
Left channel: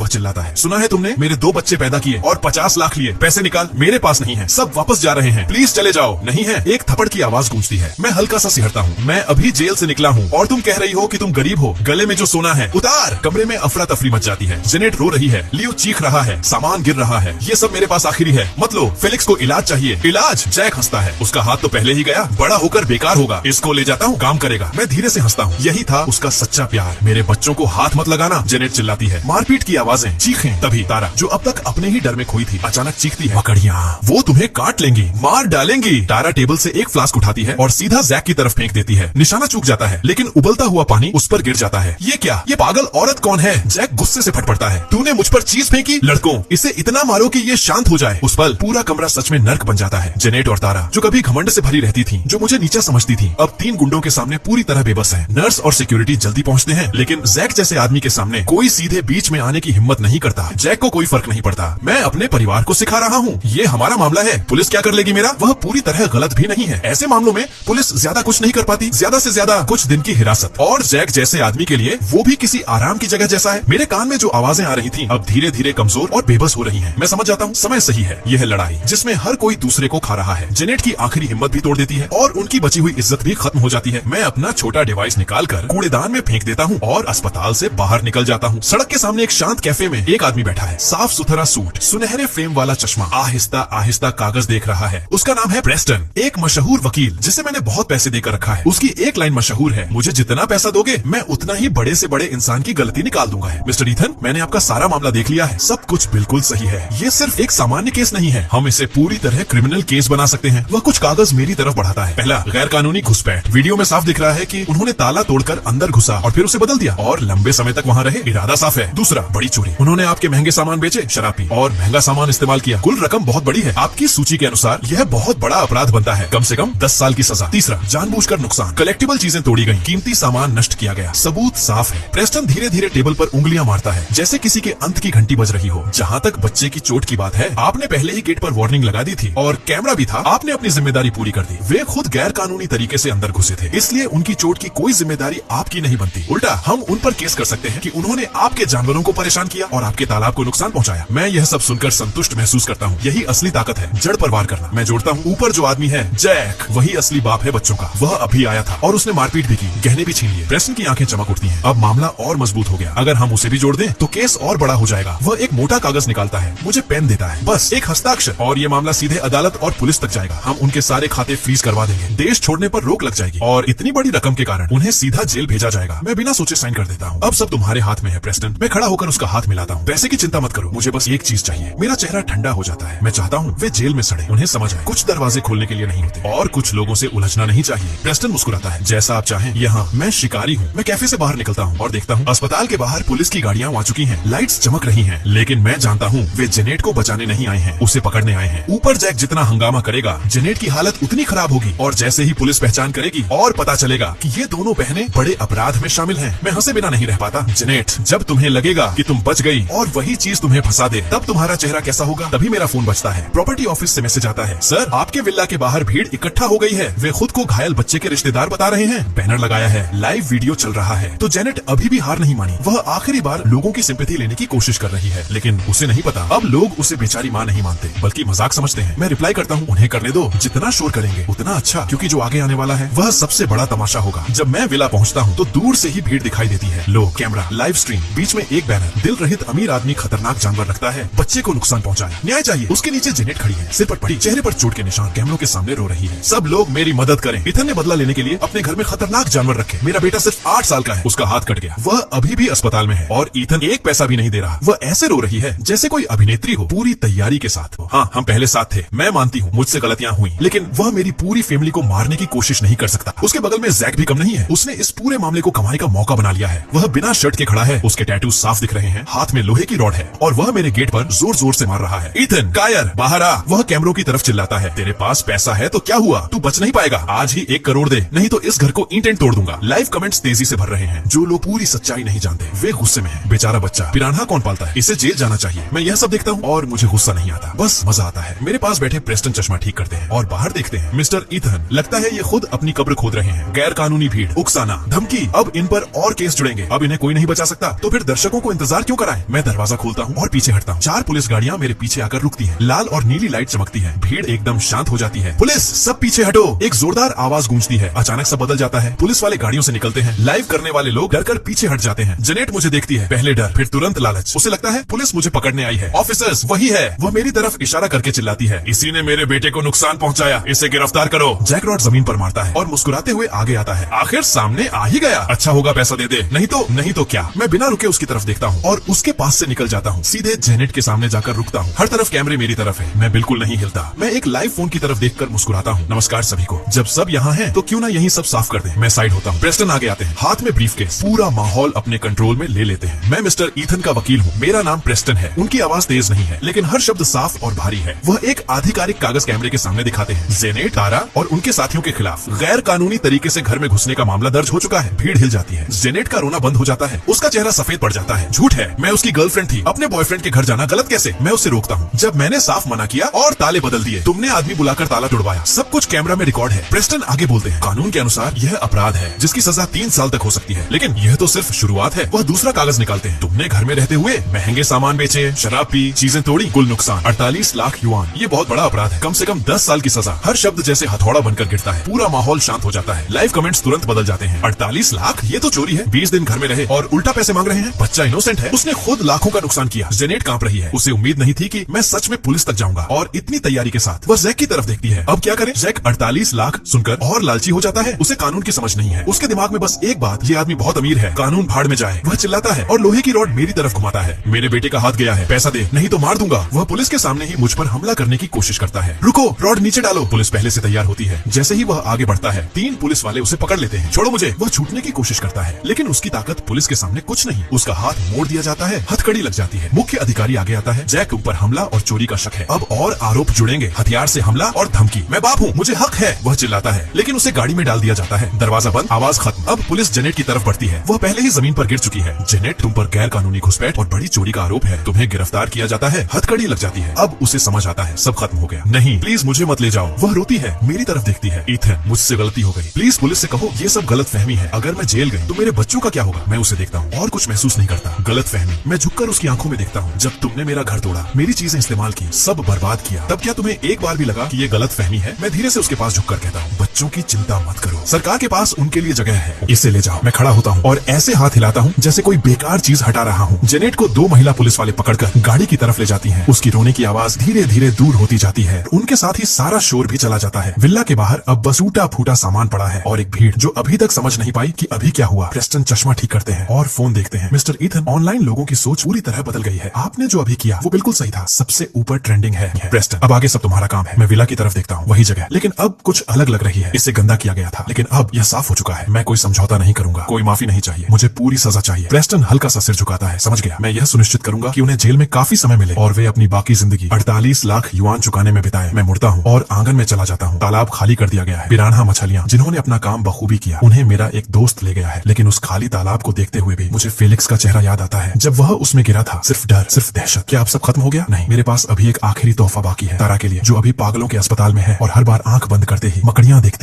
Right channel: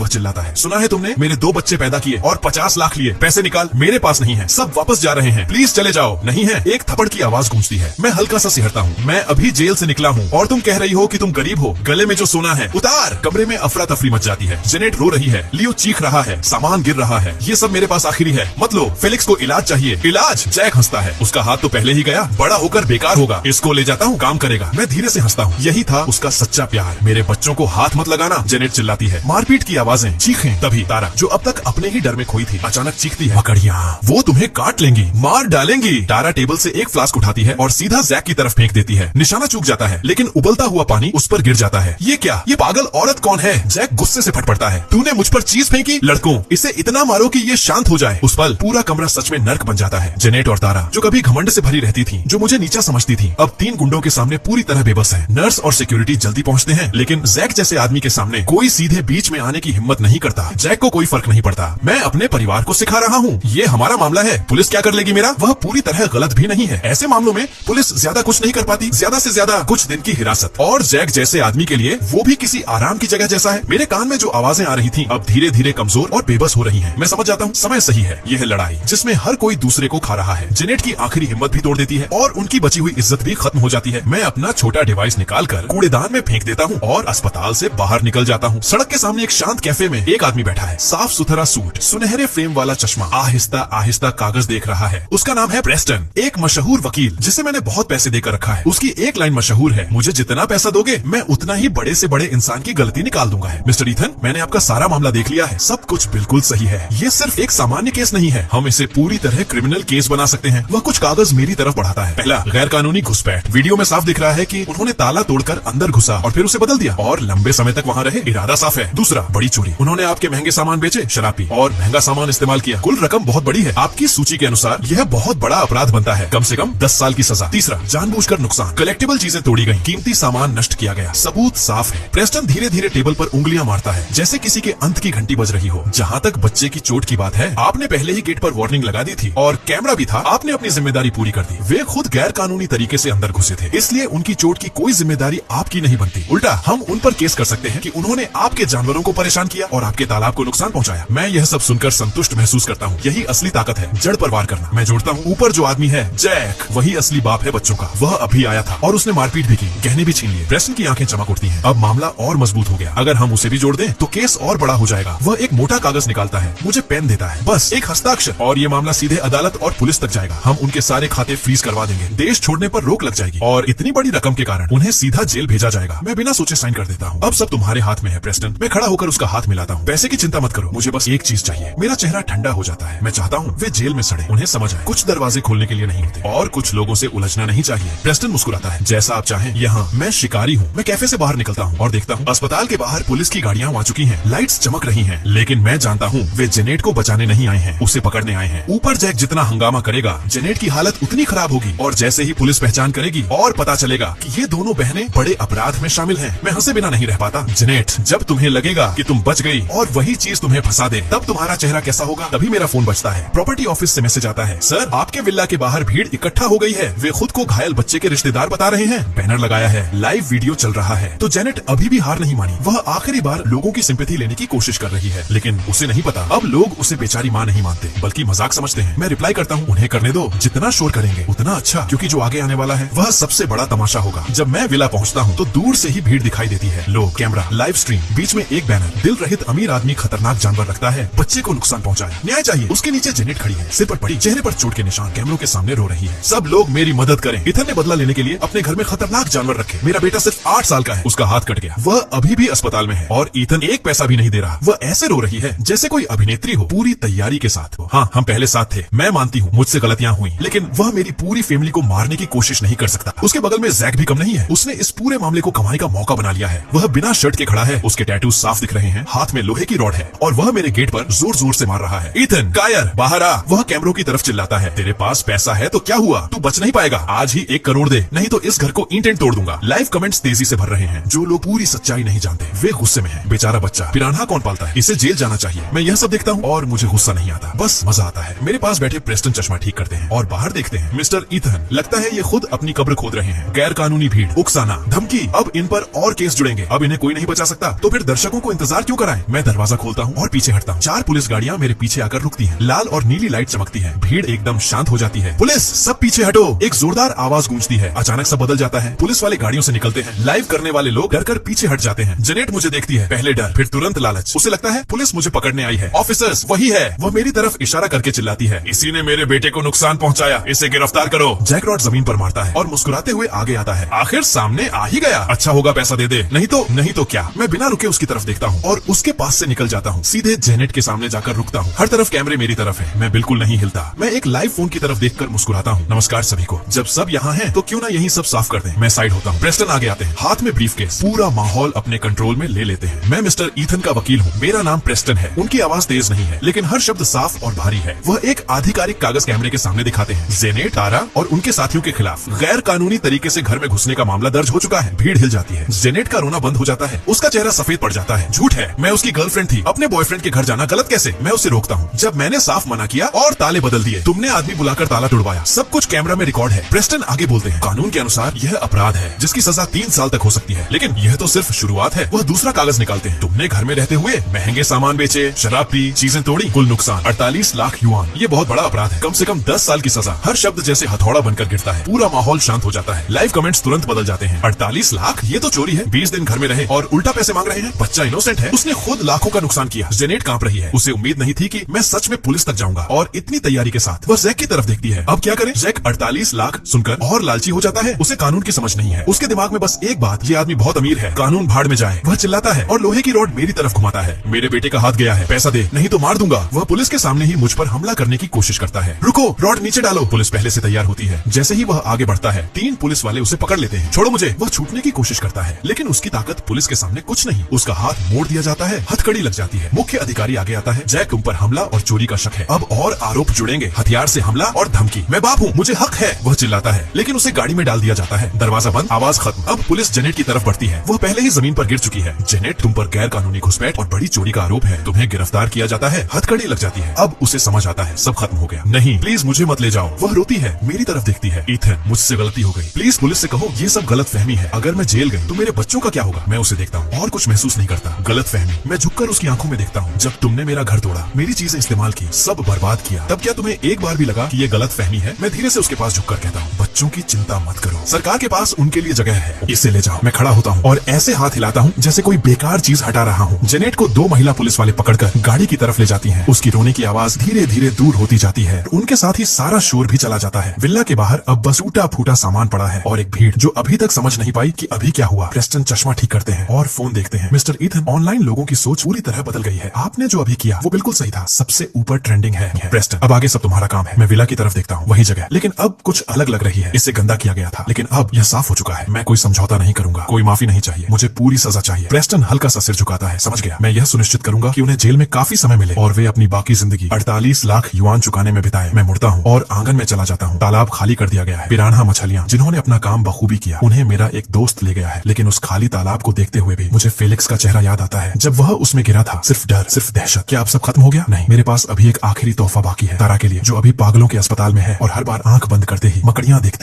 वह चिल्लाता है। सुना है तुमने मेरे 2 बच्चे पैदा किए और 50 लाख लिए। पैसे निकाल। मेरे पास नहीं है, सब वापस जा रहे हैं, प्लीज चले जाओ। नहीं है। एक थप्पड़ की आवाज गूंजती है। मैं हल्का सा सिहरता हूँ। मैं अभी जेल से निकला हूँ और तुम कह रही हो कि तुम गरीब हो। गले में जो सोना है उतार। कमरे में अफरा तफरी मच जाती है। जेनेट रो रही है, लियो चीख रहा है, सामान गिर रहा है। ये सब मेरे पास आखिरी है, मत लो। फेलिक्स को इलाज चाहिए। इलाज? जैक हंसता है। उसका हाथ तो पहले ही गया, बड़ा होकर बेकार होगा। इसको ले जाता हूँ, काम करेगा। मैं धीरे से हंसता हूँ। यही था उसका सच्चा प्यार। मेरे बच्चों को हाथ मत लगाना, जेनेट चिल्लाती है। मारपीट की आवाजें, चीखें। तभी तारा, जो अब तक अपने ही डर में खोई थी, अचानक चीखती है, मकड़ियाँ वो तुम्हें काट लेंगी, मार डालेंगी। तारा टेबल से एक फ्लास्क उठाती है और सीधा जैक की तरफ फेंक देती है। निशाना चूक जाता है, लेकिन उबलता हुआ पानी उस पर गिर जाता है। ये क्या? ये पागल औरत कौन है? जैक गुस्से से फटफड़ता है। तूने मुझ पर चीज फेंकी? लड़कों, इसे इतना मारो कि ये शांत हो जाए। उस पल पूरा कमरा सच में नर्क बन जाता है। जेनेट और तारा, जो कभी घमंड से भरी रहती थी, जो मुझे नीचा समझती थी, अब 3 गुंडों के सामने पूरी तरह बेबस है। नर्स और सिक्योरिटी जल्दी पहुंचते हैं, लेकिन जैक जैसे आदमी के सामने कोई सीधे बीच में आने की हिम्मत नहीं करता। जैक को कोई फर्क नहीं पड़ता। मैं अपने परिवार को सिखा रहा हूँ, ये हमारा मामला है, पुलिस क्या कर लेगी मेरा? वह पूरी तरह गलत भी नहीं है। ऐसे मामलों में पुलिस ज्यादा कुछ नहीं कर पाती, ज्यादा से ज्यादा कुछ दिन की हिरासत। और जैक जैसे आदमी के लिए वो भी किसी आराम की जगह जैसा है। मेरे कान में जो आवाजें आ रही थी अब धीरे धीरे कमजोर और बेबस हो रही हैं। मैं समझ जाता हूँ समय सही है। यह लड़ाई जिसमें हर कोई दूसरे को खा रहा है। जेनेट की आखिरी हिम्मत भी तोड़ देती है और उनकी बची हुई इज्जत भी खत्म हो जाती है। मैं अपना छोटा डिवाइस निकालकर कूड़ेदान में फेंक देता हूँ और अस्पताल से बाहर निकल जाता हूँ। सड़क के सामने एक शांत कैफे में एक आदमी बैठा है। साफ सुथरा सूट, सुनहरे फ्रेम वाला चश्मा, आहिस्ता आहिस्ता कागज देख रहा है। उसका नाम है प्रेस्टन, एक मशहूर वकील जिसे मैंने बहुत पैसे देकर रखा है। उसकी एक लाइन मशहूर है, मुझे जितना पैसा दोगे मैं उतना ही बड़े से बड़े इंसान की गलती निकाल दूंगा। मिस्टर ईथन, मैंने आपका सारा मामला देख लिया है, सब कुछ बिल्कुल सही है। ये सिर्फ एक सामान्य केस नहीं है, हम इसे पूरी तरह क्रिमिनल केस बना सकते हैं। वह कुछ कागज मेरी तरफ बढ़ाता है। पहला, गैर कानूनी घुसपैठ। वीडियो में साफ दिख रहा है कि उन्होंने ताला तोड़कर अंदर घुसा और फिर उसे बदल दिया और लंबे समय तक वहाँ रहे, इरादा साफ है। दूसरा, बड़ी चोरी। उन्होंने आपके महंगे सामान बेचे, शराब पी और महंगा सामान इस्तेमाल किया। कुल रकम बहुत बड़ी है। आपकी सूची के अनुसार यह बहुत बड़ा अपराध बनता है, कम से कम 10 साल की सजा। तीसरा, जानबूझकर नुकसान। कलेक्टिबल चीजें तोड़ी गई, कीमती सामान नष्ट किया गया, सबूत साफ है। प्रेस्टन धीरे धीरे टेबल पर उंगलियां मारता है जैसे किसी के अंत की घंटी बज रही हो। जहाँ तक बच्चे की चोट की बात है, आपने पहले ही गेट पर वार्निंग लगा दी थी और कैमरा भी था। आपने अपनी जिम्मेदारी पूरी कर दी। वे खुद गैर कानूनी तरीके से अंदर घुसे थे, इसलिए उनकी चोट की कोई जिम्मेदारी आपकी नहीं बनती। उल्टा हम उन पर केस कर सकते हैं कि उन्होंने आपके जानवरों को परेशान किया और आपके तालाब को नुकसान पहुंचाया। मैं यह सब सुनकर संतुष्ट महसूस करता हूँ। यही असली ताकत है, जड़ पर वार करना। मैं जोड़ता हूँ, ऊपर जो आदमी है जैक, वही असली बाप है बच्चों का। वह अभी आया था और उसने मारपीट भी की, गहने भी छीन लिए। प्रेस्टन की आंखें चमक उठती हैं। अब मामला और मजबूत हो गया। अगर हम उसे भी जोड़ दें तो केस और बड़ा हो जाएगा। वह एक मोटा कागज निकालता है, मुझे पेन देता है, बस एक हस्ताक्षर और ये मामला सीधे अदालत और पुलिस तक जाएगा। हम उनके सारे खाते फ्रीज करवा देंगे, देश छोड़ने पर रोक लग जाएगी और इतनी बड़ी रकम के कारण उन्हें सीधा जेल भेजा जाएगा। मैं बिना सोचे साइन कर देता हूँ। अब सब तुम्हारे हाथ में है प्रेस्टन। मैं खड़ा होकर उसका हाथ मिलाता हूँ। पैसे की चिंता मत करो, मुझे बस एक चीज चाहिए। मेरा चेहरा ठंडा हो जाता है। मैं चाहता हूँ वे जेल में सड़े, उन्हें समझ आए कुछ दरवाजे खोलने के लिए नहीं होते और कुछ लोगों से उलझना नहीं चाहिए। प्रेस्टन मुस्कुराता है, जैसा आप चाहें। यहाँ मैं शिकारी हूँ। मैं कैफे से बाहर निकलता हूँ और देखता हूँ अस्पताल के बाहर पुलिस की गाड़ियाँ आ चुकी हैं, लाइट्स चमक रही हैं, लेकिन मैं जानता हूँ वे जेनेट को बचाने नहीं आए हैं, उसे पकड़ने आए हैं। ऊपर जैक जितना हंगामा करेगा, जेनेट की हालत उतनी खराब होगी और जैसे ही पुलिस पहचान करेगी और पता चलेगा कि ये दोनों बहनें बड़े अपराध में शामिल हैं, मैं हंसे बिना नहीं रह पाता। जेनेट, जब तुम्हें लगेगा कि तुम बच गई और वही चीज तुम्हें फंसा दे, तब तुम्हारा चेहरा कैसा होगा? तभी मेरा फोन बजता है। प्रॉपर्टी ऑफिस से मैसेज आता है, सर आपके विला के बाहर भीड़ इकट्ठा हो गई है, वे खुद को घायल बच्चे के रिश्तेदार बता रहे हैं। बैनर लगाया है, लाइव वीडियो चल रहा है। तो जेनेट अभी भी हार नहीं मानी। वह आखिरी बार लोगों की सिंपैथी लेने की कोशिश कर रही है, लेकिन उसे नहीं पता अब लोग उसे बेचारी माँ नहीं मानते बल्कि मजाक समझते हैं। मैं रिप्लाई करता हूँ, उन्हें करने दो, जितना शोर करेंगे उतना अच्छा, क्योंकि जो आगे आने वाला है वह सबसे बड़ा तमाशा होगा। जब मैं विला पहुँचता हूँ तो दूर से ही भीड़ दिखाई देती है। लो कैमरा, लाइव स्ट्रीम, बीच में एक बैनर, दिल रहित अमीर आदमी खतरनाक जानवर रखता है, बच्चे को नुकसान पहुँचाया, न्याय चाहिए। उसके नीचे जेनेट खड़ी है, सिर पर पड़ी, चेहरे पर चोट के निशान, कैमरों के सामने रो रही है। सब लोग मेरी मदद करें। इथन ने बदला लेने के लिए अपने घर में खतरनाक जानवर रखे। मेरा बेटा सिर्फ 8 साल का है, उसका हाथ कट गया, वह अभी भी अस्पताल में है और ईथन एक पैसा भी नहीं दे रहा। वह ऐसे रो रही है जैसे कोई अभिनेत्री हो, पूरी तैयारी के साथ। हाँ, हम पहले साथ थे, मैं मानती हूँ मुझसे गलतियाँ हुई, लेकिन वह मेरी पूरी फैमिली को मारने की कोशिश नहीं कर सकता। उसके बगल में जैक भी कम नहीं है, उसने इस पूरे मामले को कमाई का मौका बना लिया है। वह बिना शर्ट के खड़ा है, उसके टैटू साफ दिख रहे हैं, हाथ में लोहे की रॉड है और वह मेरे गेट पर जोर जोर से मार रहा है। ईथन, कायर, बाहर आ। वह कैमरों की तरफ चिल्लाता है, तेरे पास पैसा है तो क्या हुआ, तू बच नहीं पाएगा, आज ही 1 करोड़ दे, नहीं तो इस घर को ईंट तोड़ दूंगा। लाइव कमेंट्स तेजी से भर रहे हैं। जो लोग पूरी सच्चाई नहीं जानते वे गुस्से में हैं। बेचारा बच्चा, पिरान्हा कौन पालता है, इसे जेल जाना चाहिए। मैं यह सब देखता हूँ और मुझे गुस्सा नहीं आता, बस मजा आता है। मेरे पास बैठे प्रेस्टन चश्मा ठीक करते हैं और बाहर देखते हैं मिस्टर ईथन। लगता है ये खुद अपनी कब्र खोद रहे हैं। गैर कानूनी भीड़, उकसाना, धमकी, अब इन पर और केस जुड़ेंगे। अब इन्हें कोई नहीं बचा सकता, तो फिर दर्शकों को इंतजार क्यों कराएं? मैं दरवाजा खोलता हूँ और पीछे हटता हूँ। 4 पुलिस गाड़ियाँ मेरे पीछे आकर रुकती हैं। लाल और नीली लाइट चमकती है। भीड़ एकदम शांत हो जाती है। पुलिस, सब पीछे हटो। एक जोरदार आवाज गूंजती है। अचानक सब बदल जाता है। पुलिस वाले गाड़ियों से निकलते हैं। लाइव करने वाले लोग डर कर पीछे हट जाते हैं। जेनेट मुझे देखती है, पहले डर, फिर तुरंत लालच। उसे लगता है पुलिस मुझे पकड़ने आई है। ऑफिसर्स, वही है। वह मेरी तरफ इशारा करके चिल्लाती है, इसी ने मेरे बेटे को नुकसान पहुंचाया, इसे गिरफ्तार करो। जैक रॉड जमीन पर मारता है और मुस्कुराते हुए आगे आता है। आखिर सामने आ ही गया। अच्छा होगा पैसा दे दे, नहीं तो क्या। मैं बिना रुके उसकी तरफ देखता हूँ और उसके पास से निकल जाता हूँ। सीधे जेनेट के सामने जाकर रुकता हूँ। हर तरफ कैमरे मेरी तरफ है। मैं बिल्कुल नहीं हिलता। मैं एक लाइव फोन की तरफ देखकर मुस्कुराता हूँ। नमस्कार सभी को। जब सब यहाँ हैं, तो क्यों ना यही सब साफ कर दें। मैं साइड होता हूँ। प्रेस्टन आगे आते हैं, हाथ में ब्रीफकेस। पूरा माहौल अपने कंट्रोल में ले लेते हैं। मैं मिस्टर ईथन का वकील हूँ। मेरा नाम प्रेस्टन है। उनकी आवाज तेज नहीं है, लेकिन हर शब्द साफ और भारी है। वह एक आधिकारिक कागज कैमरे के सामने दिखाते हैं। जेनेट, तारा और उनके साथियों के खिलाफ गैर कानूनी तरीके से घर में घुसने का मामला दर्ज हो चुका है। भीड़ हिल जाती है। जेनेट का रोना बंद हो जाता है। उसका चेहरा सफेद पड़ जाता है। झूठ है, मैं उसकी गर्लफ्रेंड थी। अपने बॉयफ्रेंड के घर जाना गलत कैसे? मैं उसे रोकता हूँ। जब मैंने साफ मना किया और ताले बदल दिए, तुमने आदमी बुलाकर ताला तुड़वाया। सब कुछ कैमरा में रिकॉर्ड है। प्रेस्टन आगे बोलते हैं, कानून के अनुसार यह अपराध है जिसकी सजा 3 साल तक हो सकती है, लेकिन यह तो सिर्फ शुरुआत है। वह दूसरा कागज निकालते हैं। तुमने घर में रहते हुए महंगे सामान बेचे, शराब पी, चीजें तोड़ी, कुल नुकसान 48 लाख युआन। ये बहुत बड़ा अपराध है। कम से कम 10 साल की सजा। हर शब्द जैसे हथौड़ा बनकर गिरता है। पूरा माहौल शांत हो जाता है। लाइव कमेंट्स तुरंत बदल जाते हैं। 48 लाख, ये तो चोरी है। 20 दिन घर में रहे और उल्टा पैसे मांग रहे हैं। बच्चा इनोसेंट है, उसने खुद लाखों का नुकसान किया। जेनेट कांप रही है। उसे उम्मीद नहीं थी कि मैं सच में पुलिस तक जाऊंगा, और इतनी तैयारी के साथ वह जैक की तरफ देखती है। अब क्या करे? जैक 48 लाख सुनकर और लालची हो जाता है। उसे कानून की समझ नहीं है। उसके दिमाग में बस एक बात, ये आदमी बहुत अमीर है, कानून भाड़ में जाए। वह चिल्लाता है और लोहे की रॉड मेरी तरफ घुमाता है। मेरे बेटे का हाथ गया है, पैसा दे, नहीं तो मार दूंगा। वह पुलिस के सामने ही मुझ पर हमला करने की कोशिश करता है। रुको, रॉड नीचे डालो। पुलिस पहले से तैयार होती है। जैसे ही वह आगे बढ़ता है, 3 पुलिस वाले उसे पकड़ लेते हैं। छोड़ो मुझे। वह छूटने की कोशिश करता है, लेकिन उसकी ताकत पुलिस के सामने कुछ नहीं। उसका हाथ मोड़ दिया जाता है। हथकड़ी लग जाती है। मुख्य अधिकारी आगे आता है। जैक, तुम पर हमला और चोरी का शक है। अब और आरोप जुड़ेंगे, हथियार से हमला और धमकी। मैं बाप हूँ, मुझे हक है। वह चिल्लाता है, लेकिन उसे गाड़ी में डाल दिया जाता है। दरवाजा बंद, आवाज खत्म। अब पुलिस जेनेट की तरफ बढ़ती है। वह पहले ही जमीन पर गिर चुकी है। जेनेट, तुम पर गैर कानूनी घुसपैठ और बड़ी चोरी का आरोप है। तुम्हें गिरफ्तार किया जाता है। हथकड़ी लग जाती है। अब उसे समझ आता है, सब खत्म हो गया। नहीं, प्लीज मुझे मत ले जाओ। वह रोती है, मेरी तरफ देखती है। ईथन, मुझसे गलती हो गई, प्लीज पुलिस से कहो ये सब गलत फहमी है। अगर मैं जेल गई तो मेरे बच्चों का क्या होगा? मैं उसे देखता हूँ और कुछ महसूस नहीं करता। गलत फहमी। मैं झुककर उसकी आंखों में देखता हूँ। जब तुमने मेरा घर तोड़ा, मेरी चीजें इस्तेमाल की, सब बर्बाद किया, तब क्या तुम्हें एक बार भी लगा कि ये गलत फहमी है? मैं धीरे से उसके पास झुककर कहता हूँ, बच्चों की चिंता मत करो, सरकार के पास उनके लिए जगह है, इसे ले जाओ। मैं खड़ा होता हूँ और ऐसे हाथ हिलाता हूँ जैसे कोई बेकार चीज हटा रहा हूँ। जेनेट को 2 महिला पुलिस वाले पकड़कर गाड़ी की तरफ ले जाती हैं। उसकी रोने की आवाज धीरे धीरे दूर होती जाती है। उनके साथ ही सारा शोर भी चला जाता है। विला के बाहर अब बस टूटा फूटा सामान पड़ा है और एक भीड़ जो अभी तक समझ नहीं पाई कि अभी क्या हुआ। प्रेस्टन चश्मा ठीक करते हैं और फोन देखते हैं। मिस्टर ईथन, ऑनलाइन लोगों की सोच पूरी तरह बदल गई है। आपने जो अभी किया वो बिल्कुल सही था, सबसे ऊपर ट्रेंडिंग है। प्रेस्टन, अब आगे सब तुम्हारा काम है। मैं विला की तरफ देखता हूँ, वही जगह, लेकिन अब कुछ अलग लग रही है। इससे गंदा किया गया था, लेकिन अब यह साफ हो चुका है। मैं कोई समझौता नहीं करूंगा, कोई माफी नहीं चाहिए, मुझे पूरी सजा चाहिए। प्रेस्टन हल्का सा सिर झुकाता है। समझ गया, मैं यह सुनिश्चित करूंगा कि उन्हें जेल में काफी समय मिले और वे अपनी बाकी जिंदगी 48 लाख युआन चुकाने में बिताए। मैं मुड़ता हूँ और आंगन में चला जाता हूँ। तालाब खाली कर दिया गया है। पिरान्हा मछलियाँ जिन्होंने अपना काम बखूबी किया, उन्हें मेरा एक दोस्त ले गया है। लेकिन उस खाली तालाब को देखते हुए भी मुझे फेलिक्स का चेहरा याद आता है, जब वह उसमें गिरा था। सिर्फ डर, सिर्फ दहशत। क्या अब सब खत्म हो गया? नहीं, मेरे पास अभी एक आखिरी तोहफा बाकी है, तारा के लिए, जो अभी पागलों के अस्पताल में है और हर बार आंख बंद करते ही मकड़ियां देखती